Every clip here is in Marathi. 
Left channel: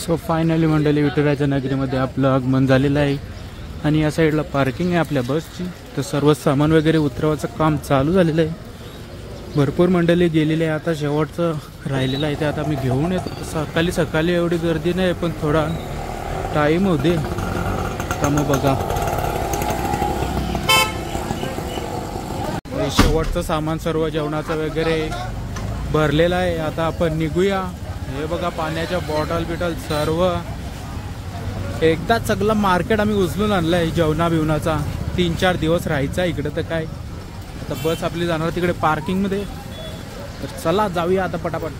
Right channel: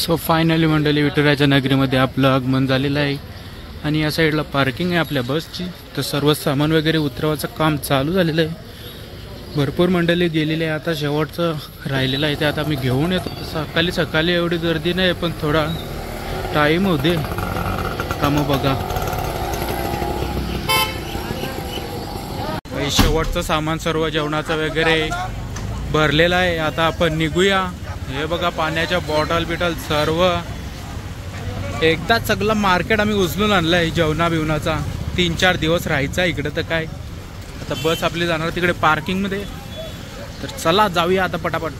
सो फायनली मंडळी विठुरायाच्या नगरीमध्ये आपलं आगमन झालेलं आहे आणि या साईडला पार्किंग आहे आपल्या बसची. तर सर्व सामान वगैरे उतरवायचं काम चालू झालेलं आहे. भरपूर मंडळी गेलेली आहे. आता शेवटचं राहिलेलं आहे ते आता मी घेऊन येतो. सकाळी एवढी गर्दी नाही पण थोडा टाईम होऊ दे का मग बघा. शेवटचं सामान सर्व जेवणाचं वगैरे भरलेलं आहे. आता आपण निघूया. हे बघा पाण्याच्या बॉटल बिटल सर्व एकदाच सगळं मार्केट आम्ही उचलून आणलं आहे. जेवणा बिवणाचा 3-4 दिवस राहायचा इकडे. तर काय आता बस आपली जाणार तिकडे पार्किंगमध्ये. तर चला जाऊया आता पटापट.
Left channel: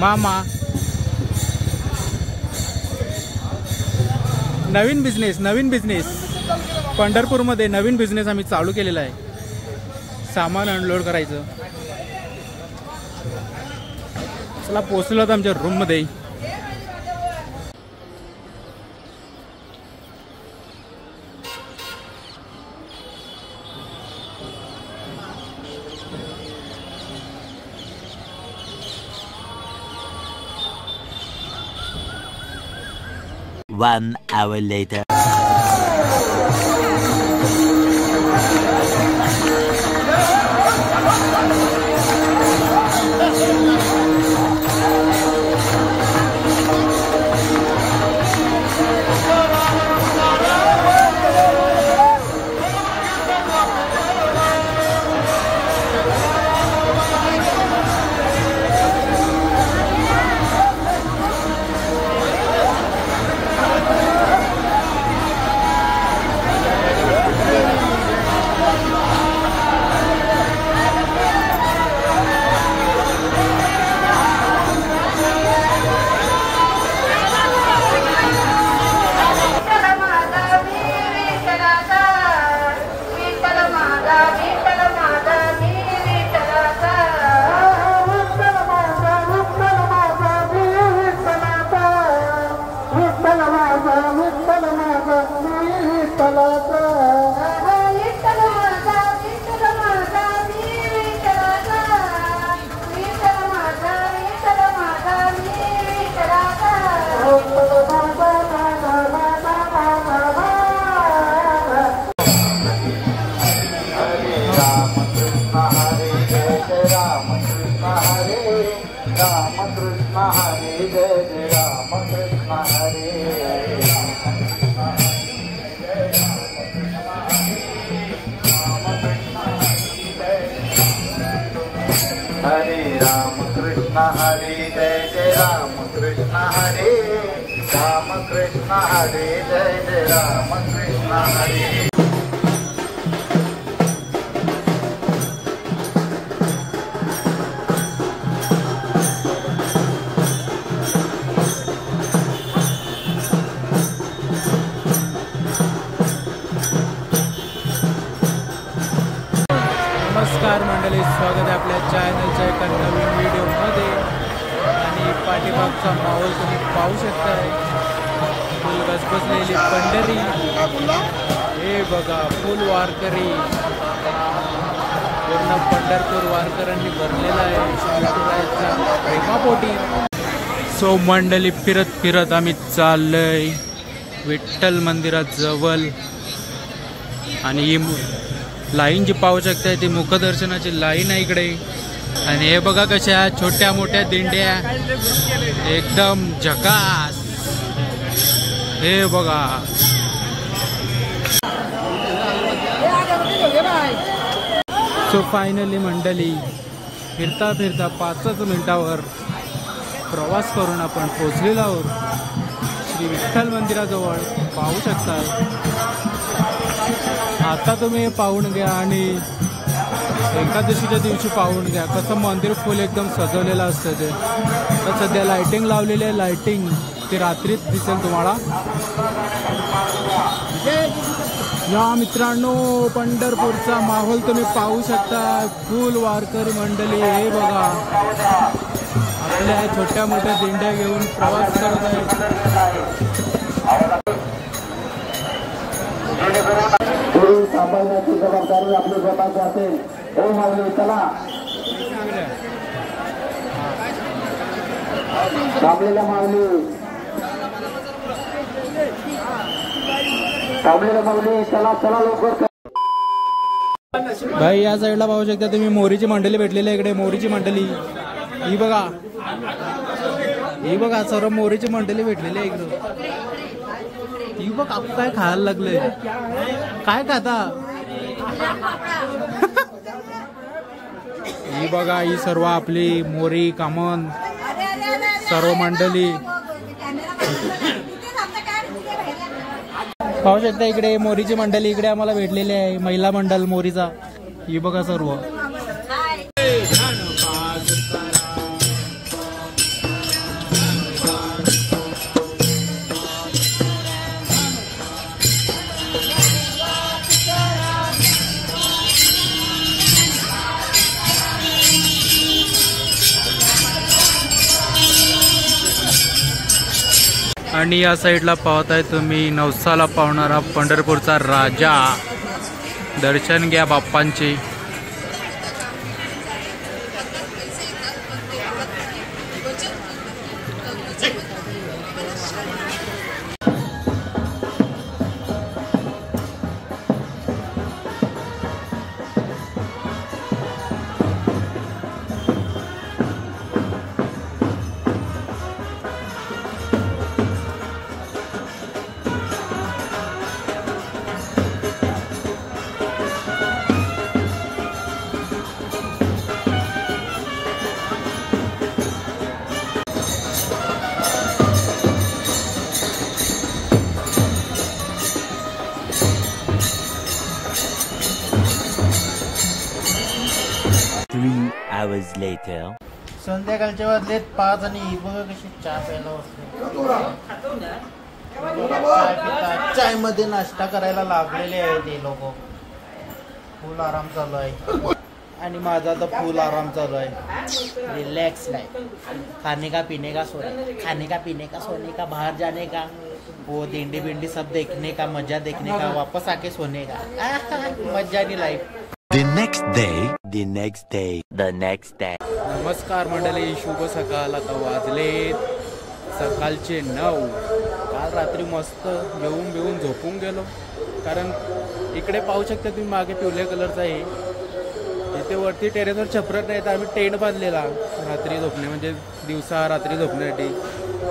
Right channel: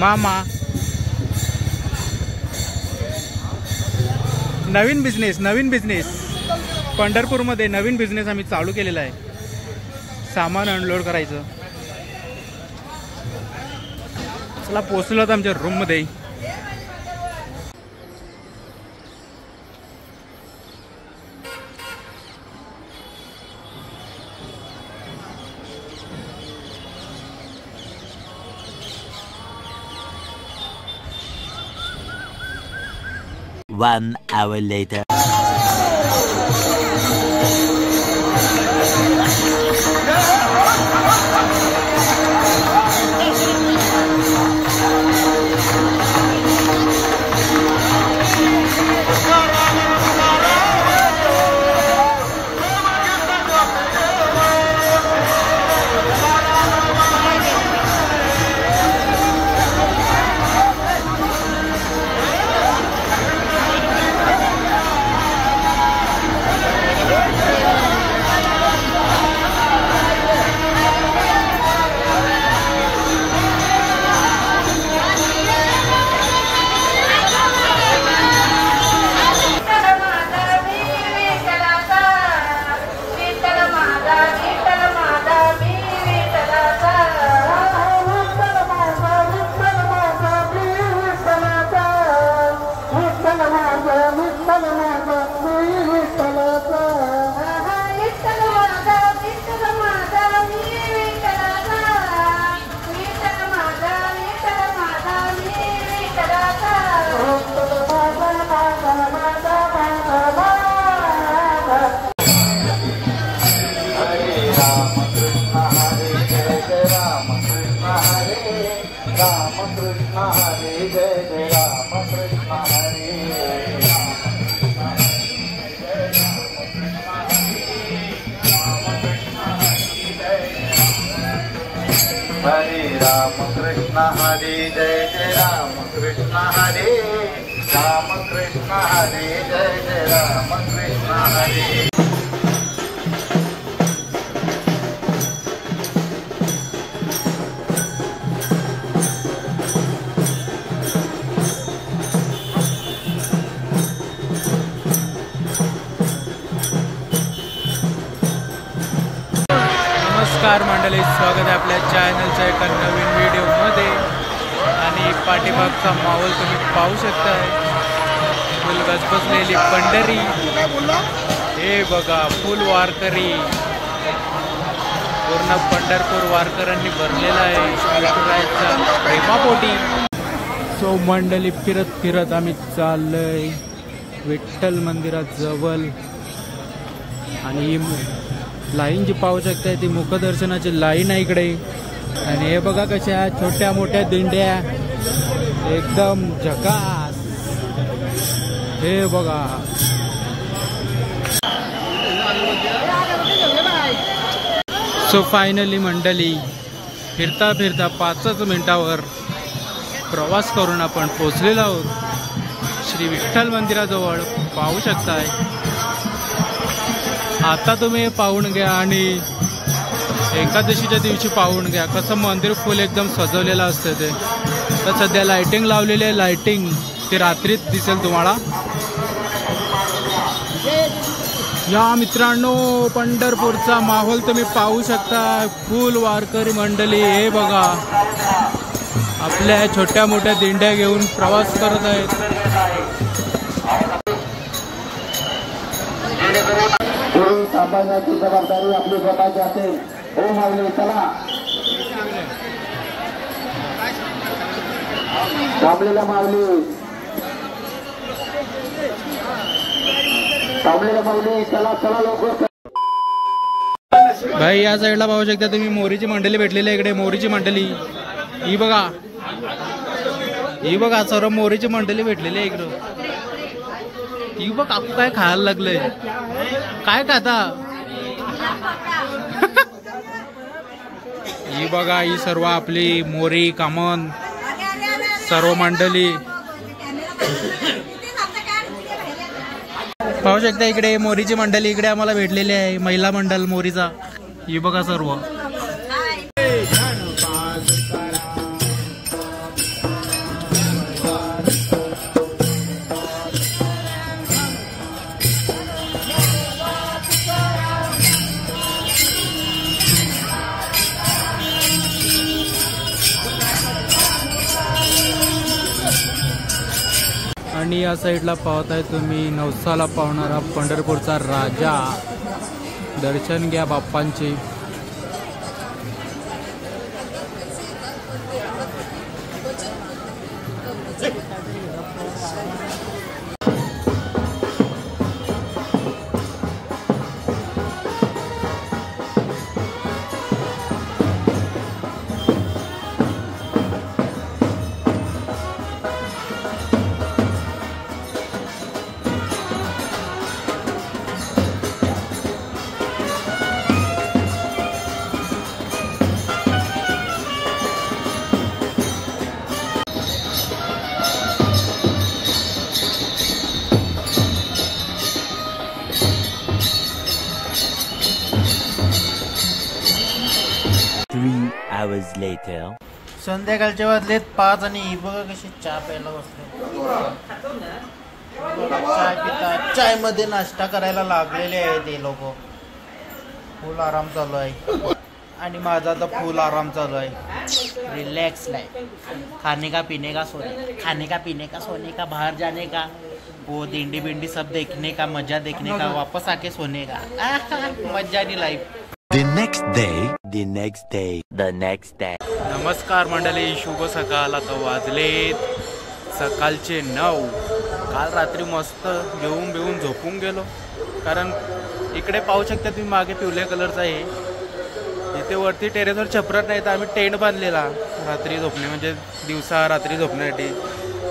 मामा नवीन बिझनेस पंढरपूरमध्ये नवीन बिझनेस आम्ही चालू केलेला आहे. सामान अनलोड करायचं. चला पोहोचलो तर आमच्या रूम मध्ये. One hour later. नमस्कार मंडळी, स्वागत आहे आपल्या चॅनलच्या एका नवीन व्हिडिओमध्ये. आणि पाठीमागचा माहोल तुम्ही पाहू शकताय. फुल गजबजलेली पंढरी. हे बघा फुल वारकरी. पूर्ण पंढरपूर वारकऱ्यांनी भरलेला आहे विठुरायाच्या प्रेमापोटी. सो मंडळी फिरत फिरत आम्ही चाललोय विठ्ठल मंदिरात जवळ. आणि ही लाईन जी पाहू शकताय ती मुखदर्शनाची लाईन आहे इकडे. आणि हे बघा कशा छोट्या मोठ्या दिंड्या एकदम झकास. हे बघा सो फायनली मंडळी फिरता फिरता 5च मिनिटावर प्रवास करून आपण पोचलेलो आहोत श्री विठ्ठल मंदिराजवळ. पाहू शकताय. आता तुम्ही पाहून घ्या आणि एकादशीच्या दिवशी पाहून घ्या कसं मंदिर फुल एकदम सजवलेलं असतं ते. तर सध्या लाइटिंग लावलेली आहे. लाइटिंग ती रात्रीच दिसेल तुम्हाला. या मित्रांनो पंढरपूरचा माहोल तुम्ही पाहू शकता. फुल वारकरी मंडळी. हे बघा आपल्या छोट्या मोठ्या दिंड्या घेऊन प्रवास करत आहेत. सांभाळण्याची जबाबदारी आपली स्वतःची असेल. हो माऊली चला. थांबलेल्या माऊली चला चला लवकर. भाई या साईडला पाहू शकता तुम्ही मोरीची मंडळी भेटलेली आहे. इकडे मोरीची मंडळी ही बघा सर्व मोरीची मंडळी भेटलेली आहे इकडं. ही बघ आप काय खायला लागलंय. काय खाता ही बघा ही सर्व आपली मोरी कामन सर्व मंडळी पाहू शकता. इकडे मोरीची मंडळी इकडे आम्हाला भेटलेली आहे. महिला मंडळ मोरीचा ही बघा सर्व. आणि या साईडला पाहताय तुम्ही नवसाला पावणारा पंढरपूरचा राजा. दर्शन घ्या बाप्पांचे. संध्याकाळचे वाजलेत 5 आणि ही बघा कशी चहा प्यायला बसले. चाय पितात. चाय मध्ये नाश्ता करायला लागलेले आहे ते लोक. फुल आराम चालू आहे आणि माझा तर फुल आराम चालू आहे. Relax life. खाने का पीने का सोने का बाहर जाने का वो दिंडी बिंडी सब देखने का मजा देखने का वापस आके सोने का मजानी लाइफ. The next day. नमस्कार मंडळी, शुभ सकाळ. आता वाजलेत सकाळचे 9. काल रात्री मस्त जेवून बिवून झोपून गेलो. कारण इकडे पाहू शकता तुम्ही मागे पिवळ्या कलरचा आहे. इथे वरती टेरेसवर छपरत नाही तर आम्ही टेंट बांधलेला रात्री झोपणे म्हणजे दिवसा रात्री झोपण्यासाठी.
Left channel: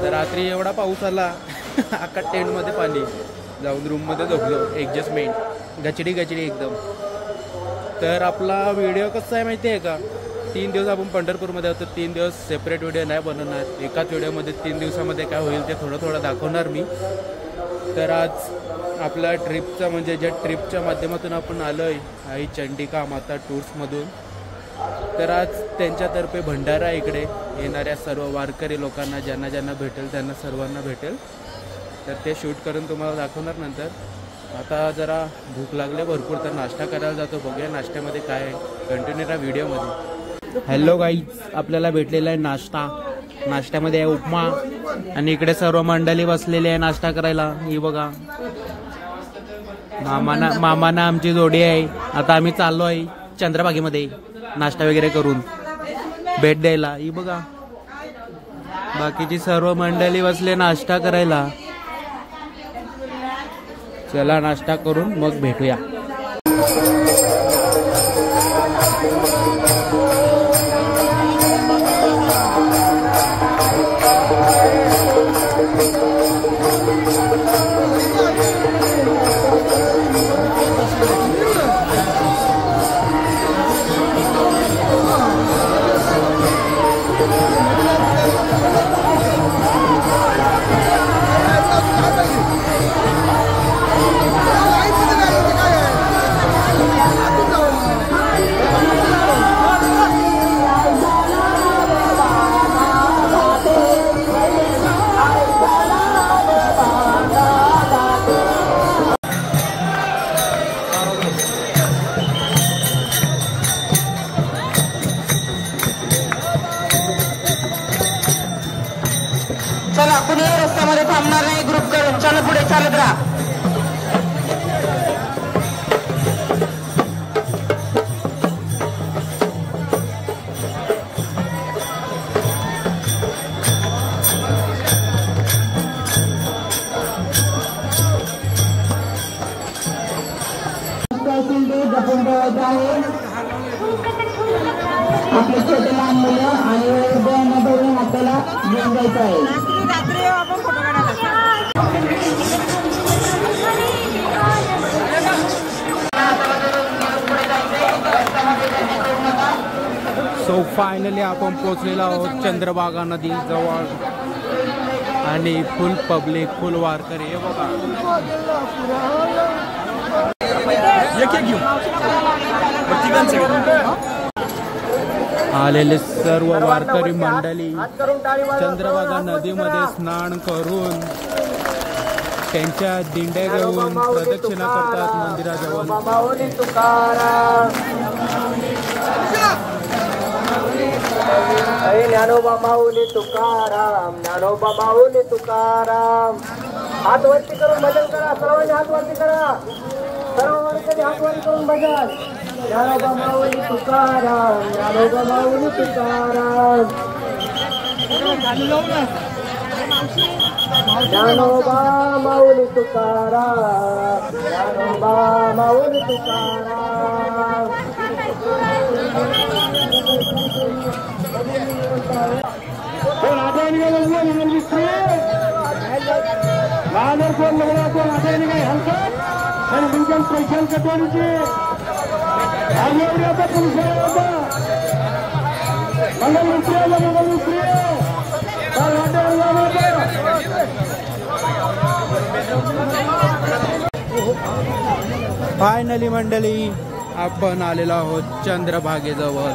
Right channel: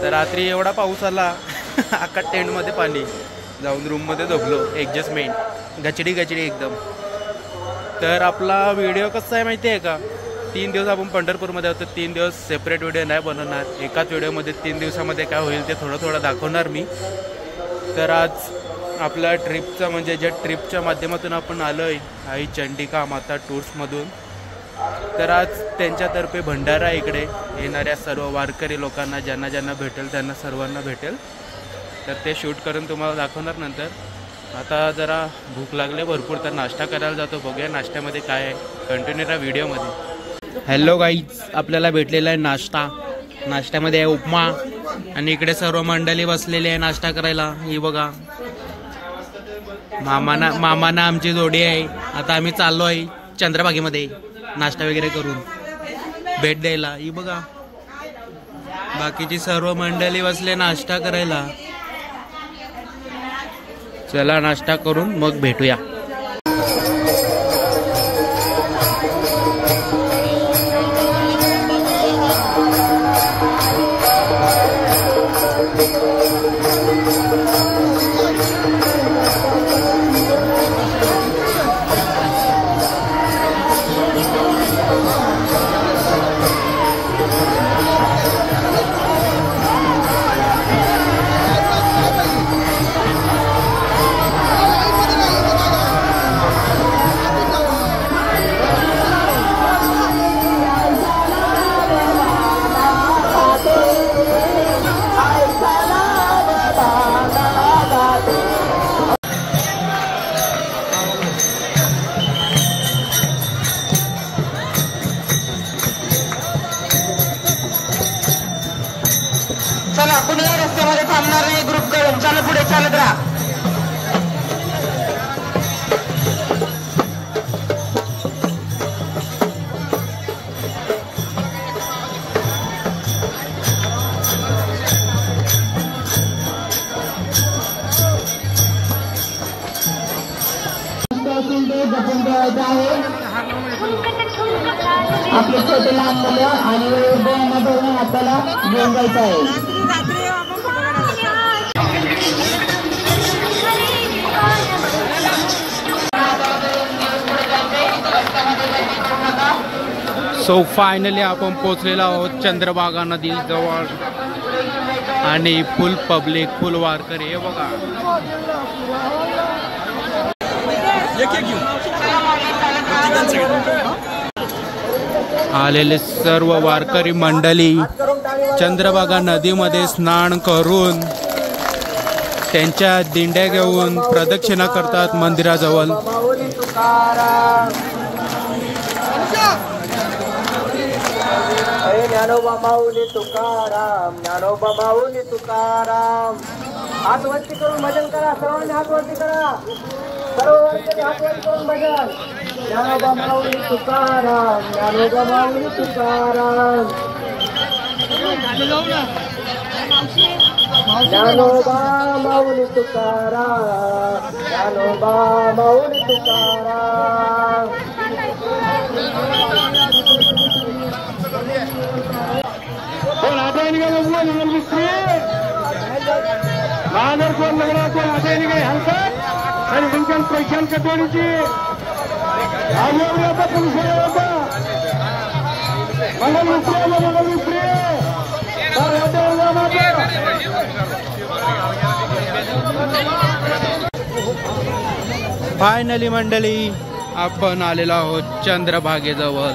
तर रात्री एवढा पाऊस आला अख्खा टेंटमध्ये पाणी. जाऊन रूममध्ये झोपलो. ॲडजस्टमेंट गचडी एकदम. तर आपला व्हिडिओ कसा आहे माहिती आहे का, 3 दिवस आपण पंढरपूरमध्ये होतो. 3 दिवस सेपरेट व्हिडिओ नाही बनवणार. एकाच व्हिडिओमध्ये 3 दिवसामध्ये काय होईल ते थोडं दाखवणार मी. तर आज आपल्या ट्रिपचा म्हणजे ज्या ट्रिपच्या माध्यमातून आपण आलो आहे आई चंडिका माता टूर्समधून. तर आज त्यांच्यातर्फे भंडारा इकडे येणाऱ्या सर्व वारकरी लोकांना ज्यांना भेटेल त्यांना सर्वांना भेटेल. तर ते शूट करून तुम्हाला दाखवणार नंतर. आता जरा भूक लागले भरपूर तर नाश्ता करायला जातो. बघूया नाश्त्यामध्ये काय आहे. कंटिन्यू राहा व्हिडिओमध्ये. हॅलो गाईज, आपल्याला भेटलेला आहे नाश्ता. नाश्त्यामध्ये आहे उपमा आणि इकडे सर्व मंडळी बसलेली आहे नाश्ता करायला. ही बघा मामाना आमची जोडी आहे. आता आम्ही चाललो आहे चंद्रभागेमध्ये नाश्ता वगैरे करून भेट द्यायला. ही बघा बाकीची सर्व मंडळी बसले नाश्ता करायला. चला नाश्ता करून मग भेटूया. घ्या आणि उद्यामध्ये आपल्याला घेऊन जायचं आहे. सो फायनली आपण पोचलेलो आहोत चंद्रभागा नदी जवळ आणि फुल पब्लिक फुल वारकरी हे बघा. आलेले सर्व वारकरी मंडळी चंद्रभागा नदीमध्ये स्नान करून त्यांच्या दिंड्या घेऊन प्रदक्षिणा करतात मंदिराजवळ. ज्ञानोबा माऊली तुकाराम, ज्ञानोबा माऊली तुकाराम. हात वरती करून भजन करा, सर्वांनी हात वरती करा, सर्व वर्गाने हात वरती करून भजन. ज्ञानोबा माऊली तुकाराम, ज्ञानोबा माऊली तुकाराम, ज्ञानोबा माऊली तुकाराम, ज्ञानोबा माऊली तुकाराम. राधायनी का बघूया नगर मिस्त्री महानगर कोण नगराचे राधायनी काही हरकत आणि तुमच्या पैशाल कटोरीची आता पोलीस मंगल मिस्त्री नगर मिस्त्री फायनली मंडळी आपण आलेलो आहोत चंद्रभागेजवळ.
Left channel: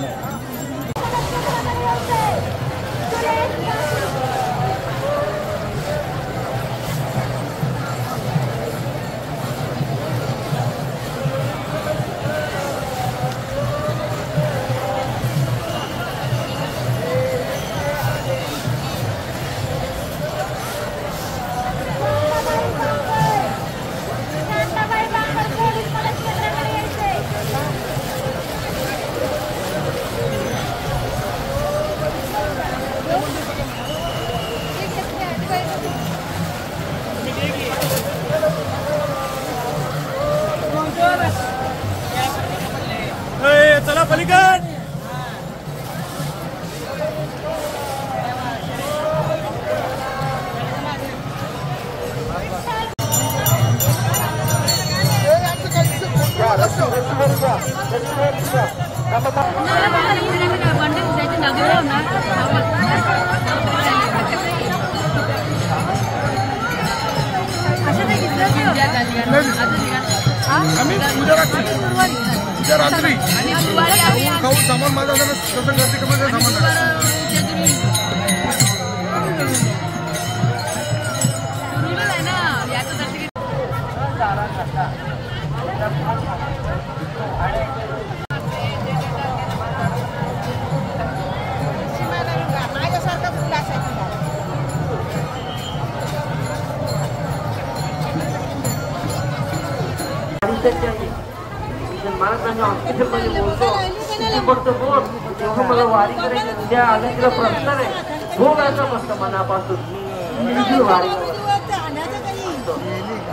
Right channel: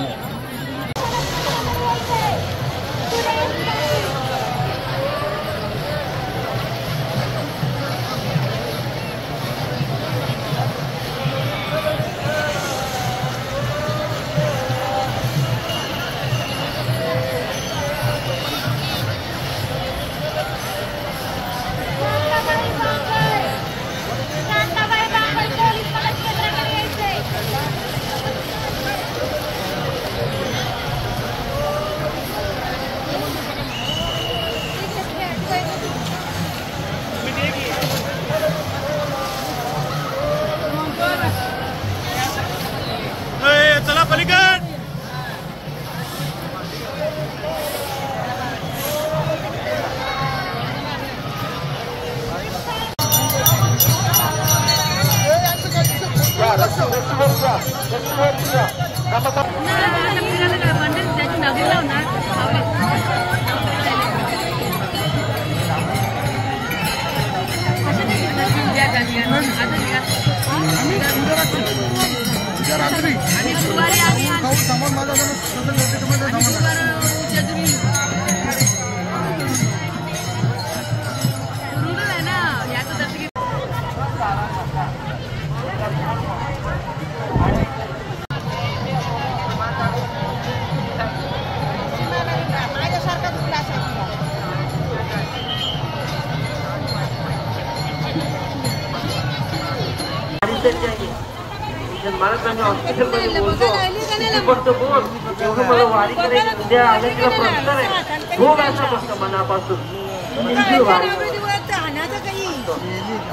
चला पलीकड.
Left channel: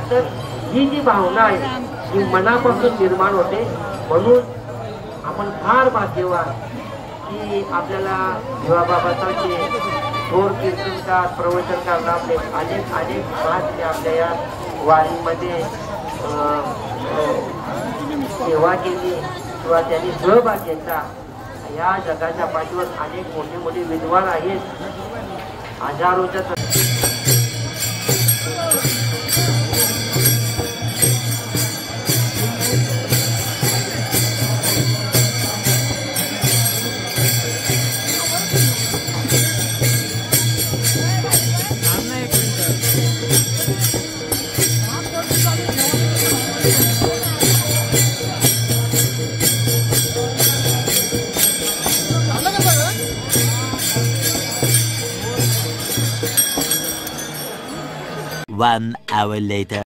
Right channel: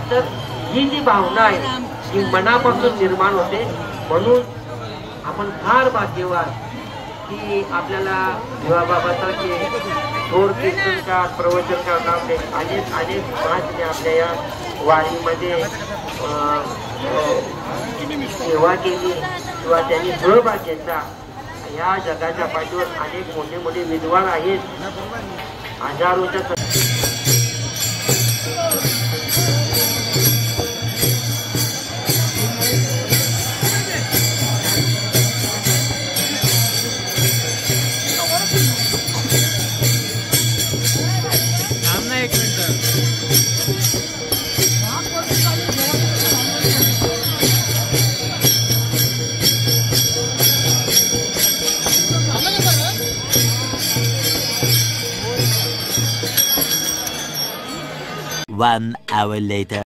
तर ही जी भावना आहे ही मनापासून निर्माण होते. म्हणून आपण फार भाग्यवान की आपल्याला भिवाबाबासारखे थोर कीर्तनकार प्रवचनकार नामले अनेक महात्मे आपल्या या वाणीमध्ये सेवा केली किंवा त्यांनी सहभाग घेतला. या जगाच्या पाठीवर अनेक मोठे मोठे विद्वान आहेत. हजारोच्या One hour later.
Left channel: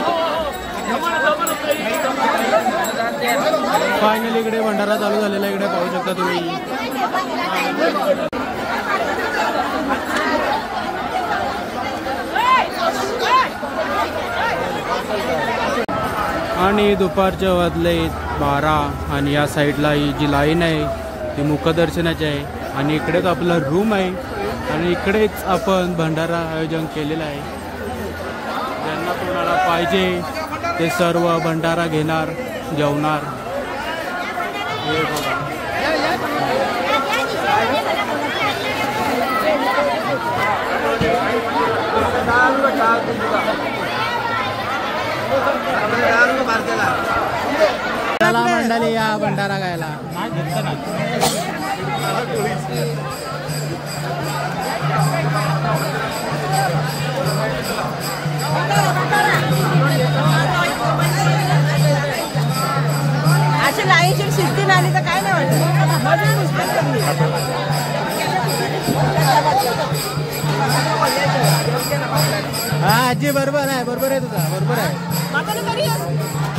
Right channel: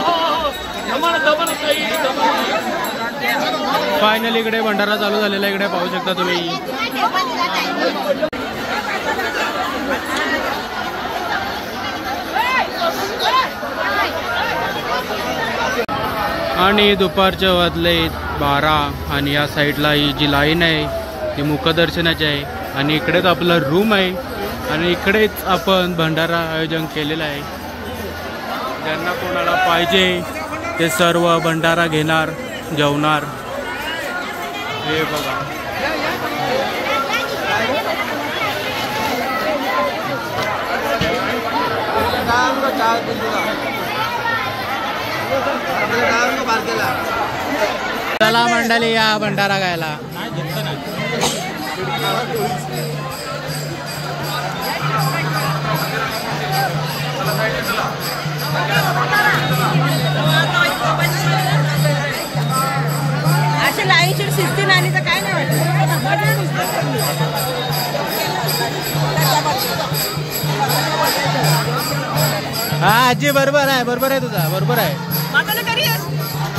फायनली इकडे भंडारा चालू झालेला इकडे पाहू शकता तुम्ही. आणि दुपारच्या वाजले 12 आणि या साईडला ही जी लाईन आहे ती मुखदर्शनाची आहे. आणि इकडेच आपलं रूम आहे आणि इकडेच आपण भंडारा आयोजन केलेलं आहे. ज्यांना कोणाला पाहिजे ते सर्व भंडारा घेणार, जेवणार. हे बघा चला मंडळी या भंडारा गायला. अशी लाईनशीर 16 आली तर काय नाही वाटत. हा आजी बरोबर आहे, बरोबर आहे तुझा, बरोबर आहे.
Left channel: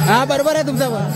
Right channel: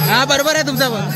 हा बरोबर आहे तुमचा पण.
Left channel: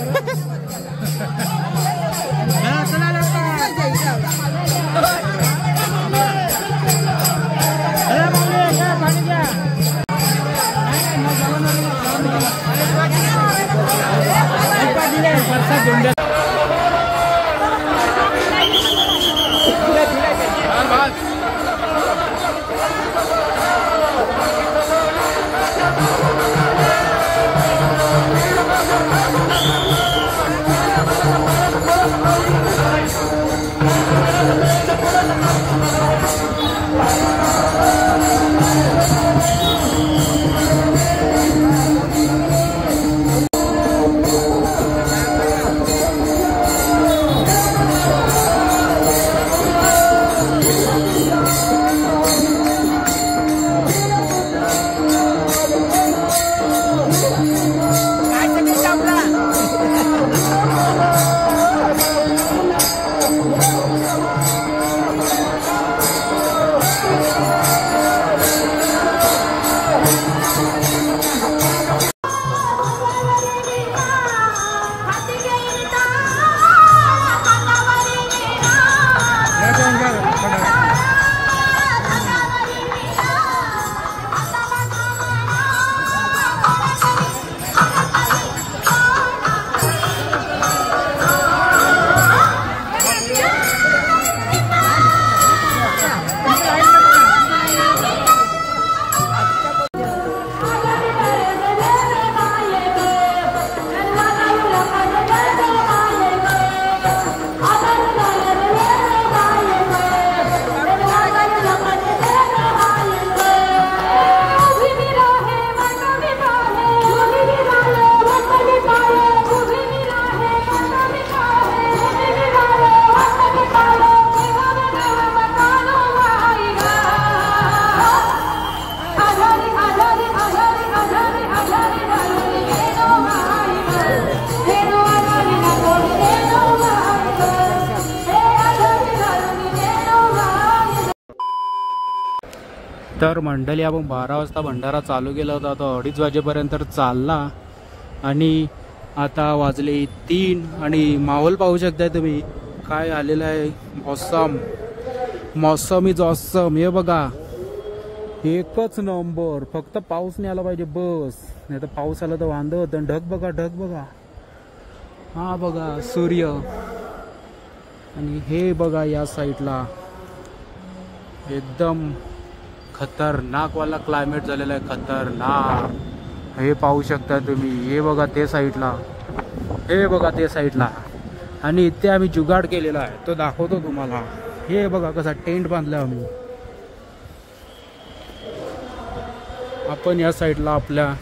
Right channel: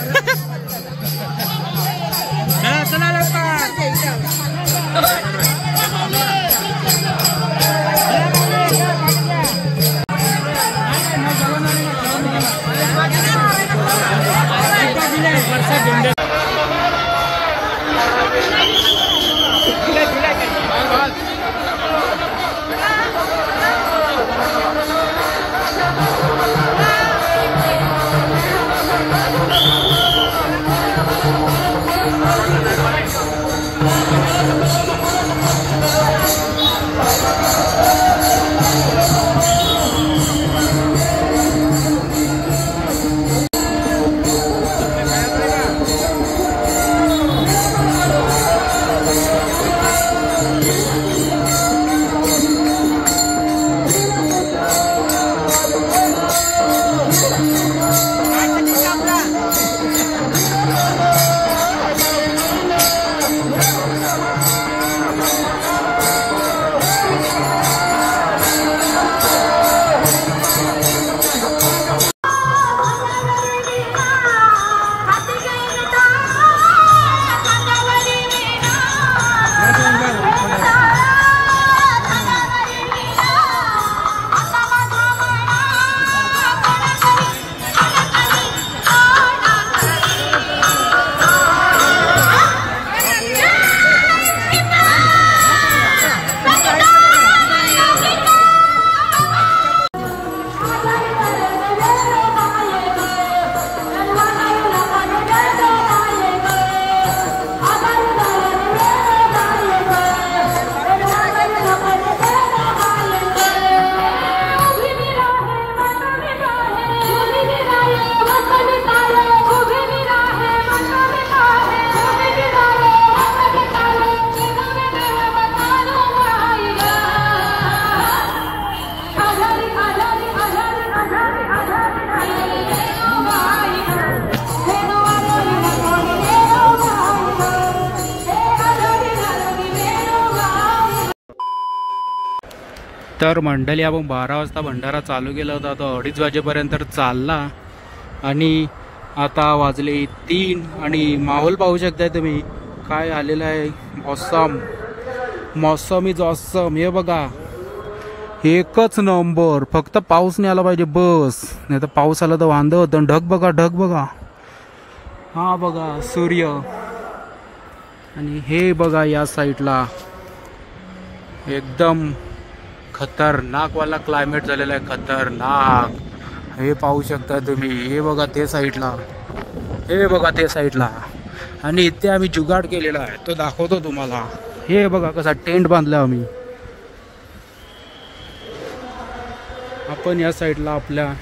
तर मंडळी आपण 12 वाजता भंडारा चालू केला होता, तो 2:30 वाजेपर्यंत चालला आणि आता वाजले 3 आणि माहोल पाहू शकताय तुम्ही काय आलेला आहे. मौसम इज ऑसम. हे बघा एकच नंबर, फक्त पाऊस नाही आला पाहिजे बस, नाही तर पाऊस आला तर वांदं होतं. ढग बघा, ढग बघा, हा बघा सूर्य. आणि हे बघा या साईडला एकदम खतरनाक वाला क्लायमेट झालेला आहे, खतरनाक. हे पाहू शकता तुम्ही. हे बघा ते साईडला, हे बघा ते साईडला. आणि इथे आम्ही जुगाड केलेला आहे, तो दाखवतो तुम्हाला. हे बघा कसा टेंट बांधला आम्ही. आपण या साईडला आपल्या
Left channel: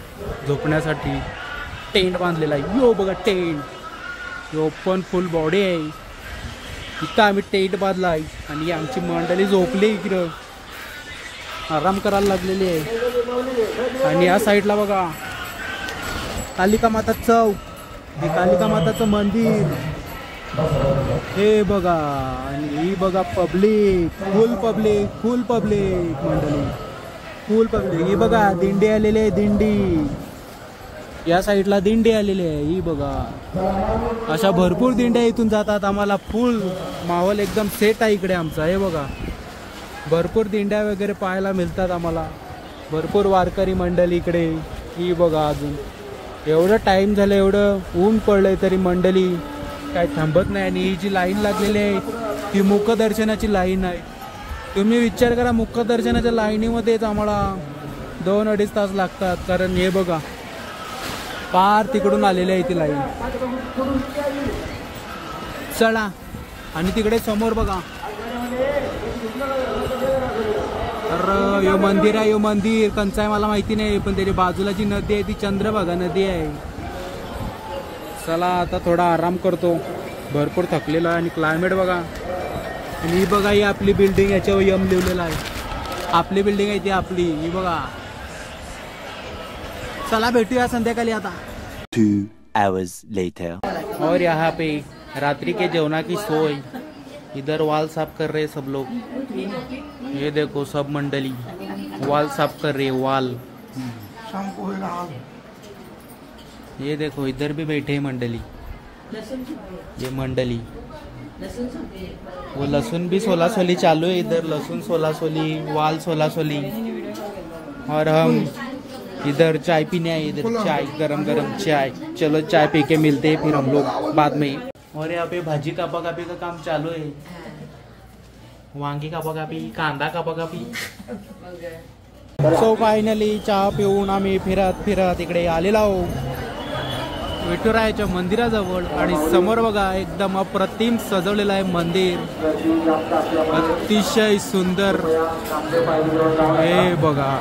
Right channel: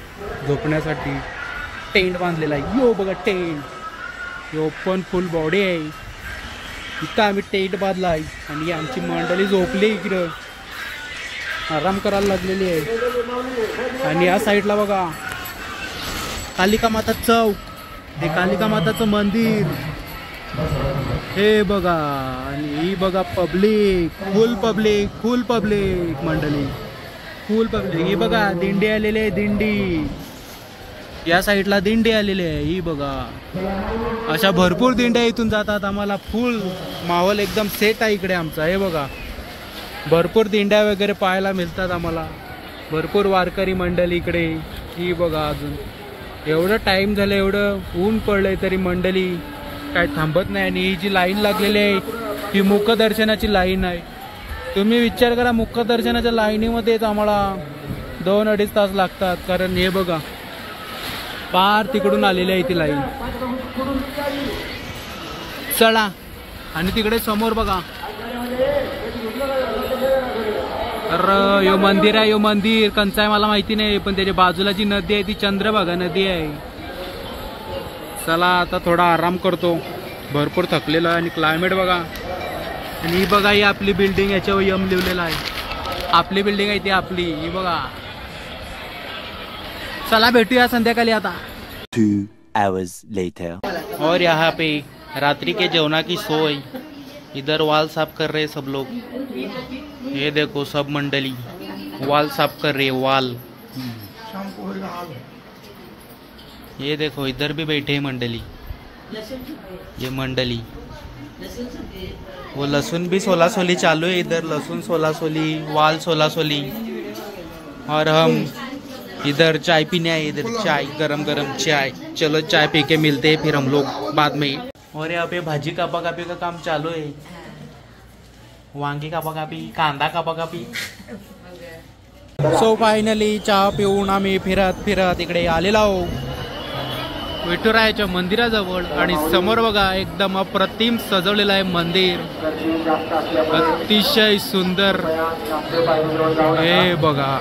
झोपण्यासाठी टेंट बांधलेला आहे. यो बघा टेंट, हे ओपन फुल बॉडी आहे. इथं आम्ही टेंट बांधला आहे आणि आमची मंडळी झोपली इकडं, आराम करायला लागलेली आहे. आणि या साईडला बघा कालिका माता चौक, हे कालिका माताचं मंदिर. हे बघा आणि ही बघा पब्लिक, फुल पब्लिक, फुल पब्लिक मंडळी, फुल पब्लिक. ही बघा दिंडी आलेली आहे, दिंडी या साईडला दिंडी आलेली आहे. ही बघा अशा भरपूर दिंड्या इथून जातात. आम्हाला फुल माहोल एकदम सेट आहे इकडे आमचा. हे बघा भरपूर दिंड्या वगैरे पाहायला मिळतात आम्हाला, भरपूर वारकरी मंडळी इकडे. ही बघा अजून एवढं टाईम झालं, एवढं ऊन पडलंय तरी मंडळी काय थांबत नाही. आणि ही जी लाईन लागलेली आहे ही मुखदर्शनाची लाईन आहे. तुम्ही विचार करा, मुखदर्शनाच्या लाईनीमध्येच आम्हाला 2-2.5 तास लागतात. कारण हे बघा पार तिकडून आलेली आहे ती लाईन. चला, आणि तिकडे समोर बघा, तर यो मंदिर आहे. यो मंदिर कंच आहे मला माहिती नाही, पण त्याच्या बाजूला जी नदी आहे ती चंद्रभागा नदी आहे. चला आता थोडा आराम करतो, भरपूर थकलेलो आहे. आणि क्लायमेट बघा, आणि ही बघा ही आपली बिल्डिंग, याच्यावर यम लिहिलेलं आहे. आपली बिल्डिंग आहे ती आपली, ही बघा. चला भेटूया संध्याकाळी आता. 2 hours later. और यहाँ पे रात्रि के जेवना की सोई, इधर वाल साफ कर रहे सब लोग. ये देखो सब मंडली वाल साफ कर रही है, वाल. ये देखो इधर भी बैठे हैं मंडली, ये मंडली. वो लहसुन भी 16 सोली चालू है इधर, लहसुन 16 सोली, वाल 16 सोली. और हम इधर चाय पीने आए, इधर चाय, गरम गरम चाय. चलो चाय पी के मिलते हैं फिर हम लोग बाद में. और यहाँ पे भाजी कापा कापी का काम चालू है. वांगी कापा कापी, कांदा कापा कापी. सो फायनली चहा पिऊन आम्ही फिरत फिरत इकडे आलेलो आहोत विठुरायाच्या मंदिराजवळ. आणि समोर बघा एकदम अप्रतिम सजवलेलं आहे मंदिर, अतिशय सुंदर. हे बघा,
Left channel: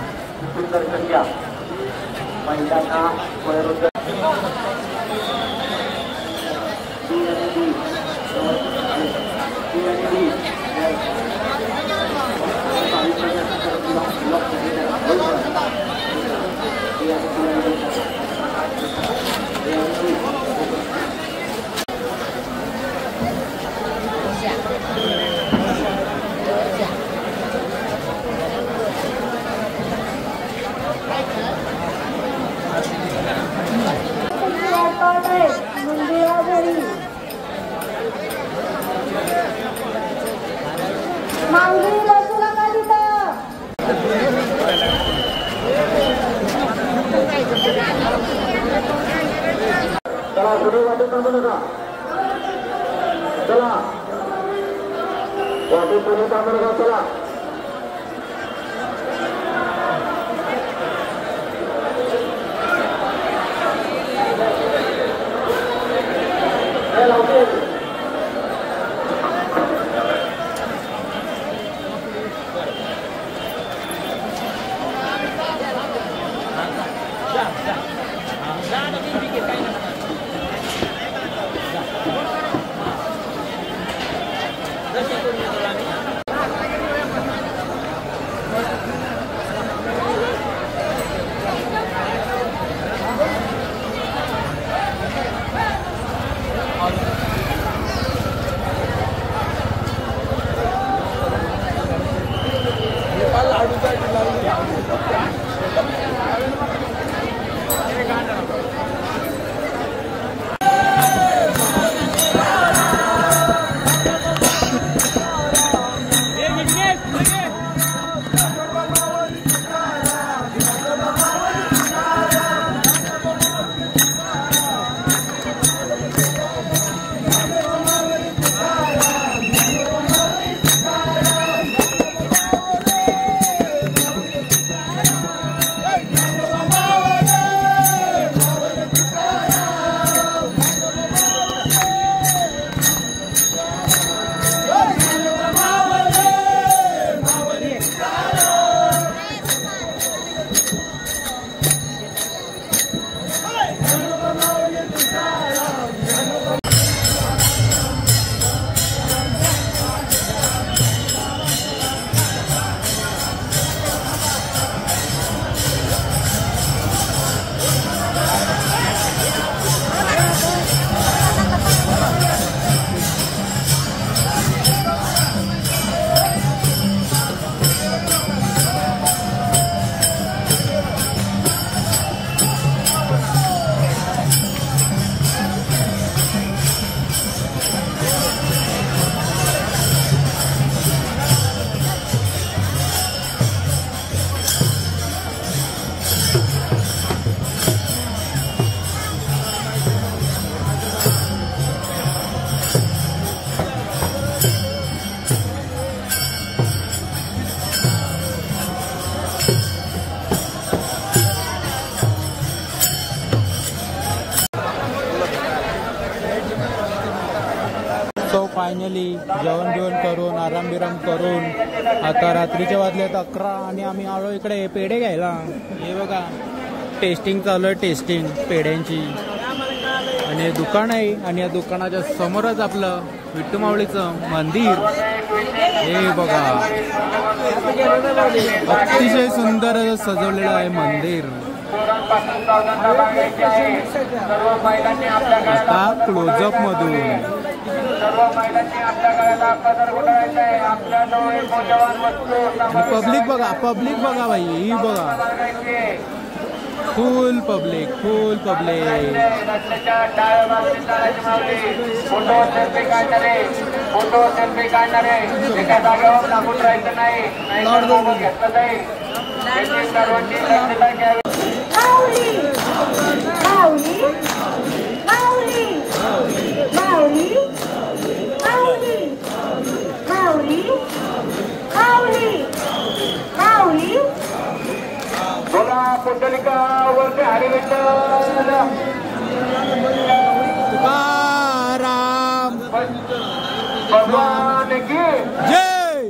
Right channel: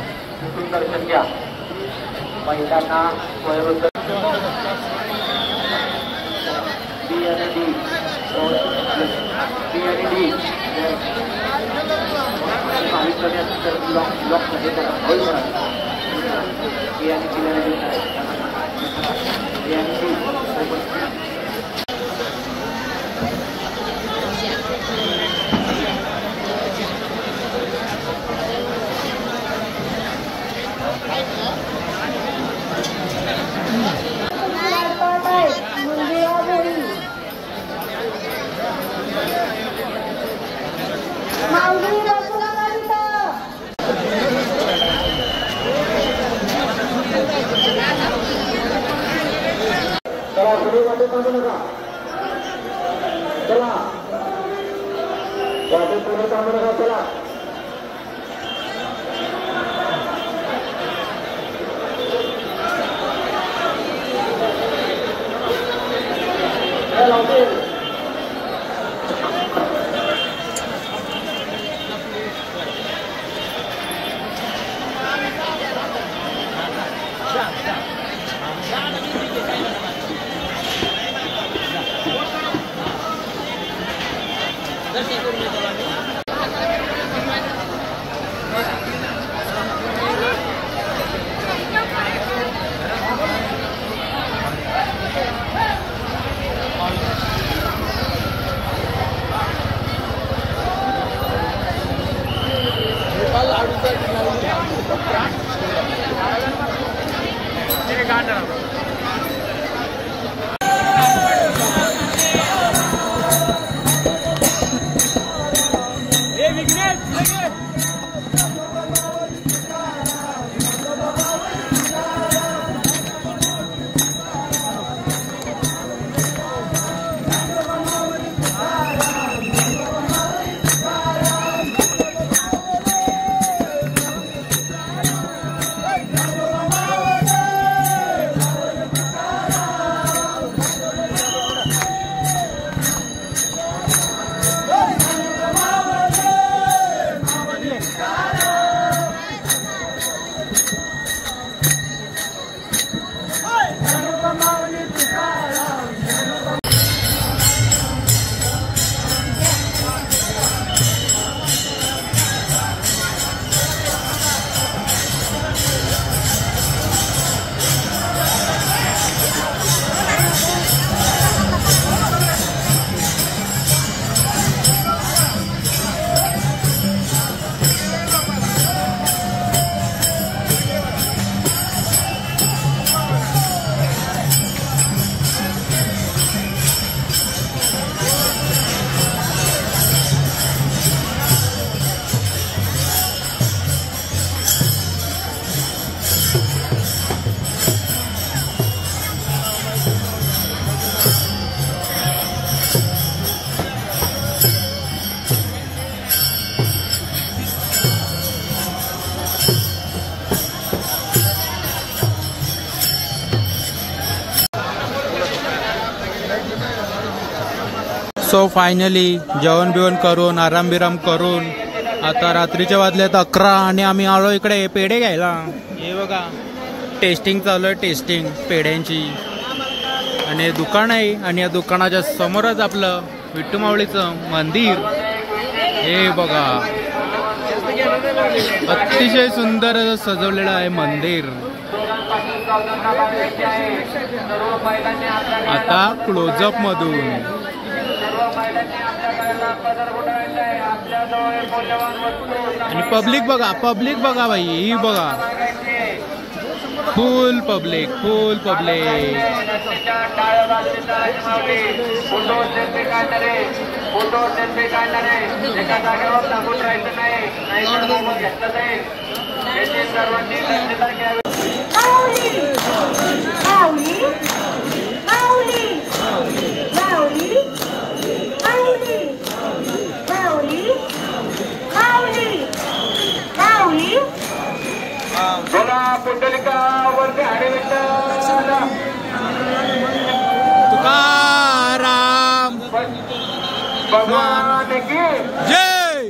चला पुढे वाटे थांबू नका. चला वाटे पुढे थांबू नका. चला सो फायनली जेवण बिवण करून आराम बिराम करून आता रात्रीच्या वाजल्यात 11 आणि आम्ही आलो इकडे पेढे घ्यायला. हे बघा टेस्टिंग चालू आहे, टेस्टिंग पेढ्यांची. आणि दुकान आहे आणि या दुकानाच्या समोरच आपलं विठ्ठल माऊलीचं मंदिर. हे बघा अतिशय सुंदर असं सजवलेलं आहे मंदिर. आता क्लोजअप मधून आणि पब्लिक बघा भाई, ही बघा फुल पब्लिक. तुकाराम जय.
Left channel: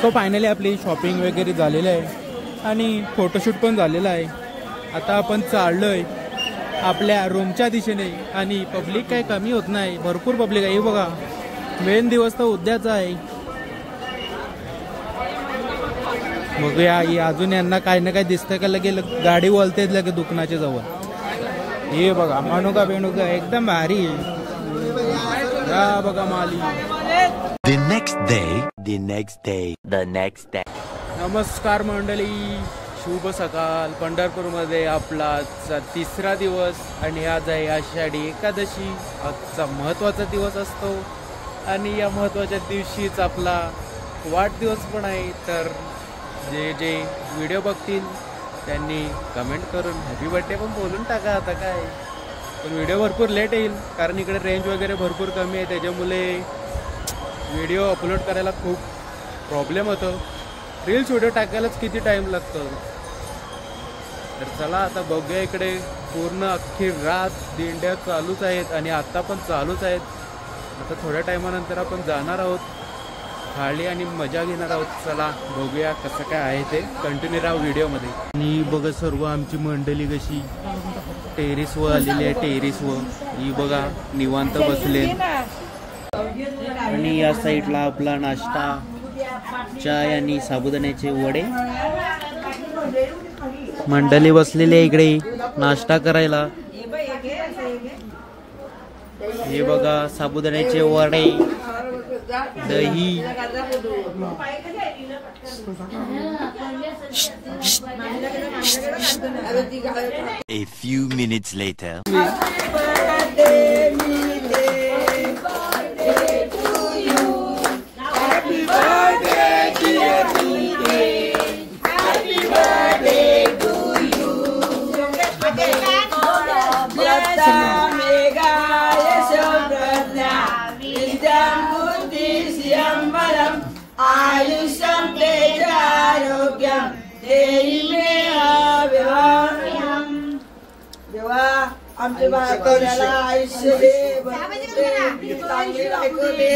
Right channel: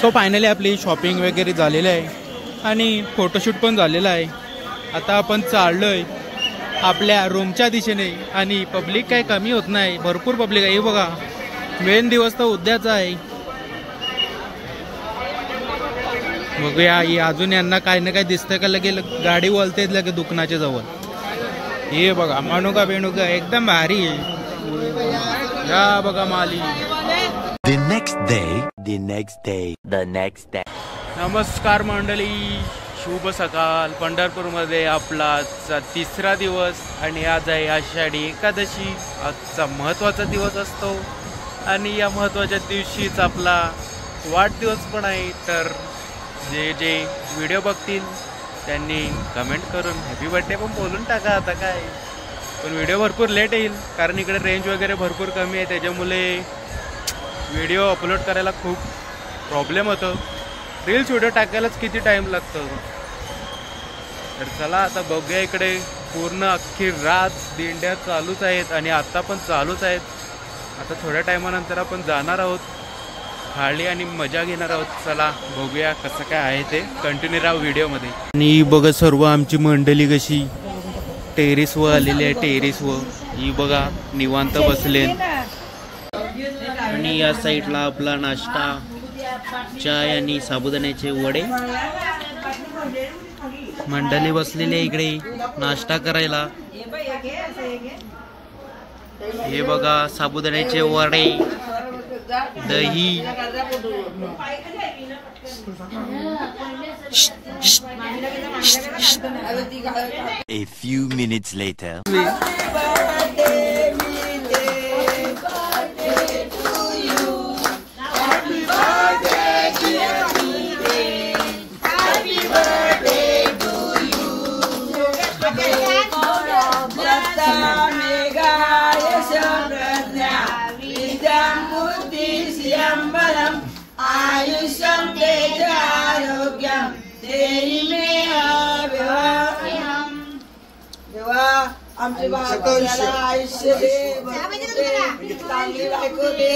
सो फायनली आपली शॉपिंग वगैरे झालेली आहे आणि फोटोशूट पण झालेला आहे. आता आपण चाललोय आपल्या रूमच्या दिशेने आणि पब्लिक काही कमी होत नाही, भरपूर पब्लिक आहे. हे बघा मेन दिवस तर उद्याचा आहे. बघूया अजून यांना काही ना काही दिसतंय का, लगे गाडी वळते लगे दुकानाच्या जवळ. हे बघा मानुका बेणुका एकदम भारी आहे. या बघा माली. The next day. नमस्कार मंडळी, शुभ सकाळ. पंढरपूरमध्ये आपला तिसरा दिवस आणि आज आहे आषाढी एकादशी. आजचा महत्त्वाचा दिवस असतो आणि या महत्त्वाच्या दिवशीच आपला वाढदिवस पण आहे. तर जे व्हिडिओ बघतील त्यांनी कमेंट करून हॅपी बर्थडे पण बोलून टाका. आता काय पण व्हिडिओ भरपूर लेट येईल कारण इकडे रेंज वगैरे भरपूर कमी आहे, त्याच्यामुळे व्हिडिओ अपलोड करायला खूप प्रॉब्लेम होतो. रील्स व्हिडिओ टाकायलाच किती टाईम लागतो. तर चला आता बघूया. इकडे पूर्ण अख्खी रात दिंड्या चालूच आहेत आणि आता पण चालूच आहेत. आता थोड्या टायमानंतर आपण जाणार आहोत खाली आणि मजा घेणार आहोत. चला बघूया कसं काय आहे ते. कंटिन्यू राहा व्हिडिओमध्ये. आणि बघा सर्व आमची मंडळी कशी टेरेसवर आलेली आहे. टेरेसवर ही बघा निवांत बसले आणि या साईडला आपला नाश्ता, चाय आणि साबुदाण्याचे वडे. मंडळी बसलेली आहे इकडे नाश्ता करायला. हे बघा साबुदाण्याचे वडे, दही. A few minutes later. आयुष्यम तेजारोग्यम देहि मे देवा आमच्या बाळाला आयुष्य दे, चांगली बायको दे.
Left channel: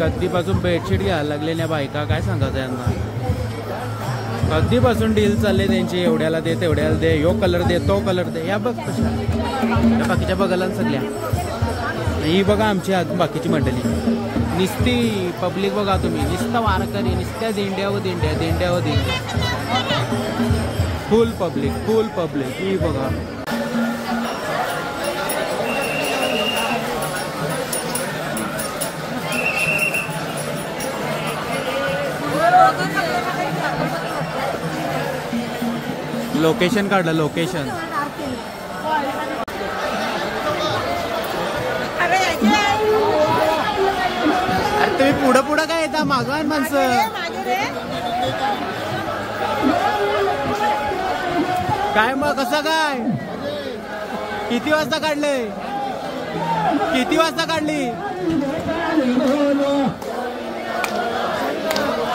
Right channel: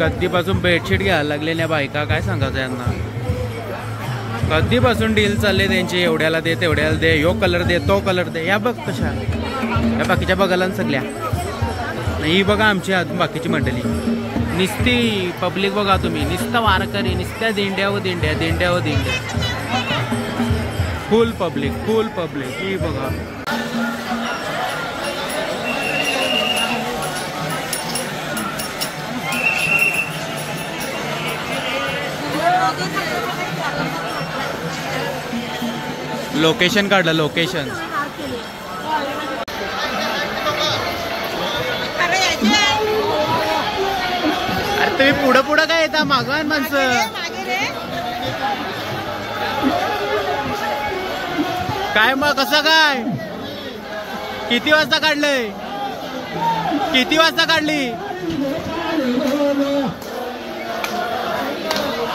कधीपासून बेडशीट घ्यायला लागलेल्या बायका, काय सांगायचं यांना. कधीपासून डील चालले त्यांची, एवढ्याला दे तेवढ्याला दे, यो कलर दे तो कलर दे. या बघ कशा या बाकीच्या बघायला सगळ्या. ही बघा आमची बाकीची मंडळी, निस्ती पब्लिक बघा तुम्ही, निस्ता वारकरी, निस्त्या दिंड्या व दिंड्या, दिंड्या व दिंड्या, फुल पब्लिक फुल पब्लिक. ही बघा लोकेशन काढलं, लोकेशन. अरे तुम्ही पुढं पुढं काय येता, मागवान माणसं. काय मग कसं काय, किती वाजता काढलंय, किती वाजता काढली.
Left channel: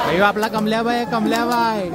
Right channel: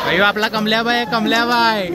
अयो आपला कमल्याबाई, कमल्याबाई.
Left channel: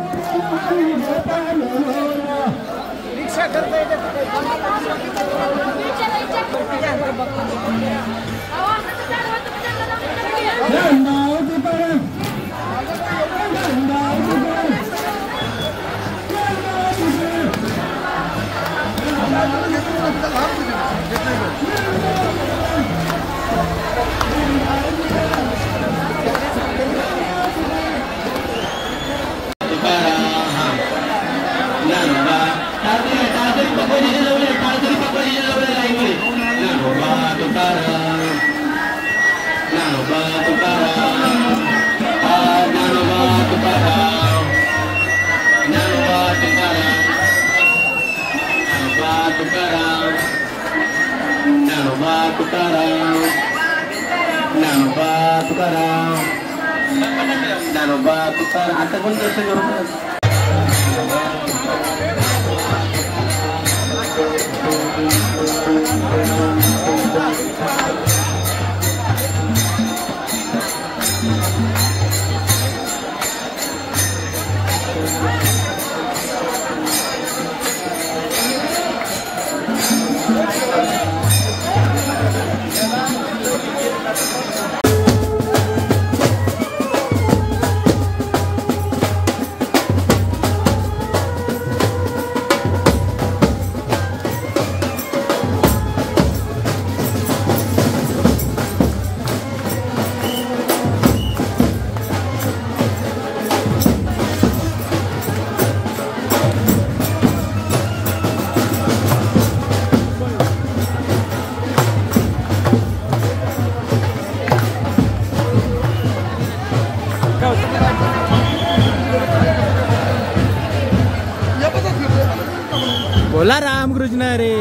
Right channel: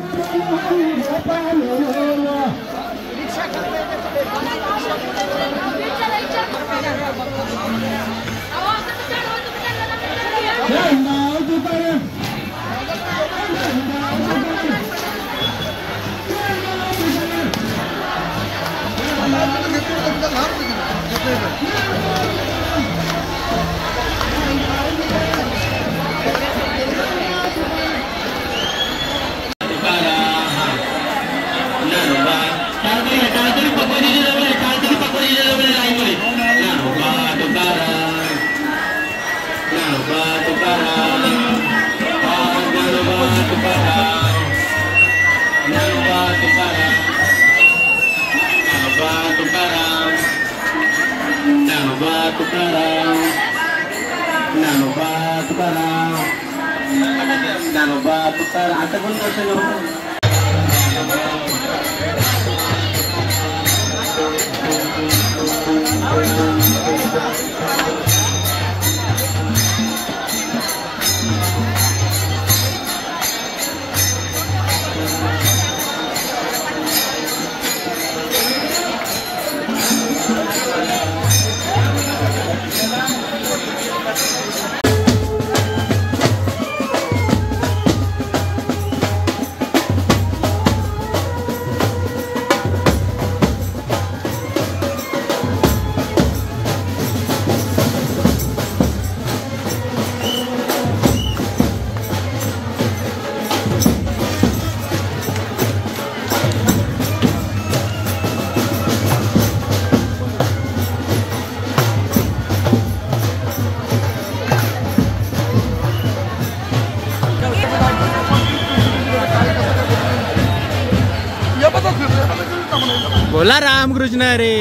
आता कोण बोला रामकृष्ण रे.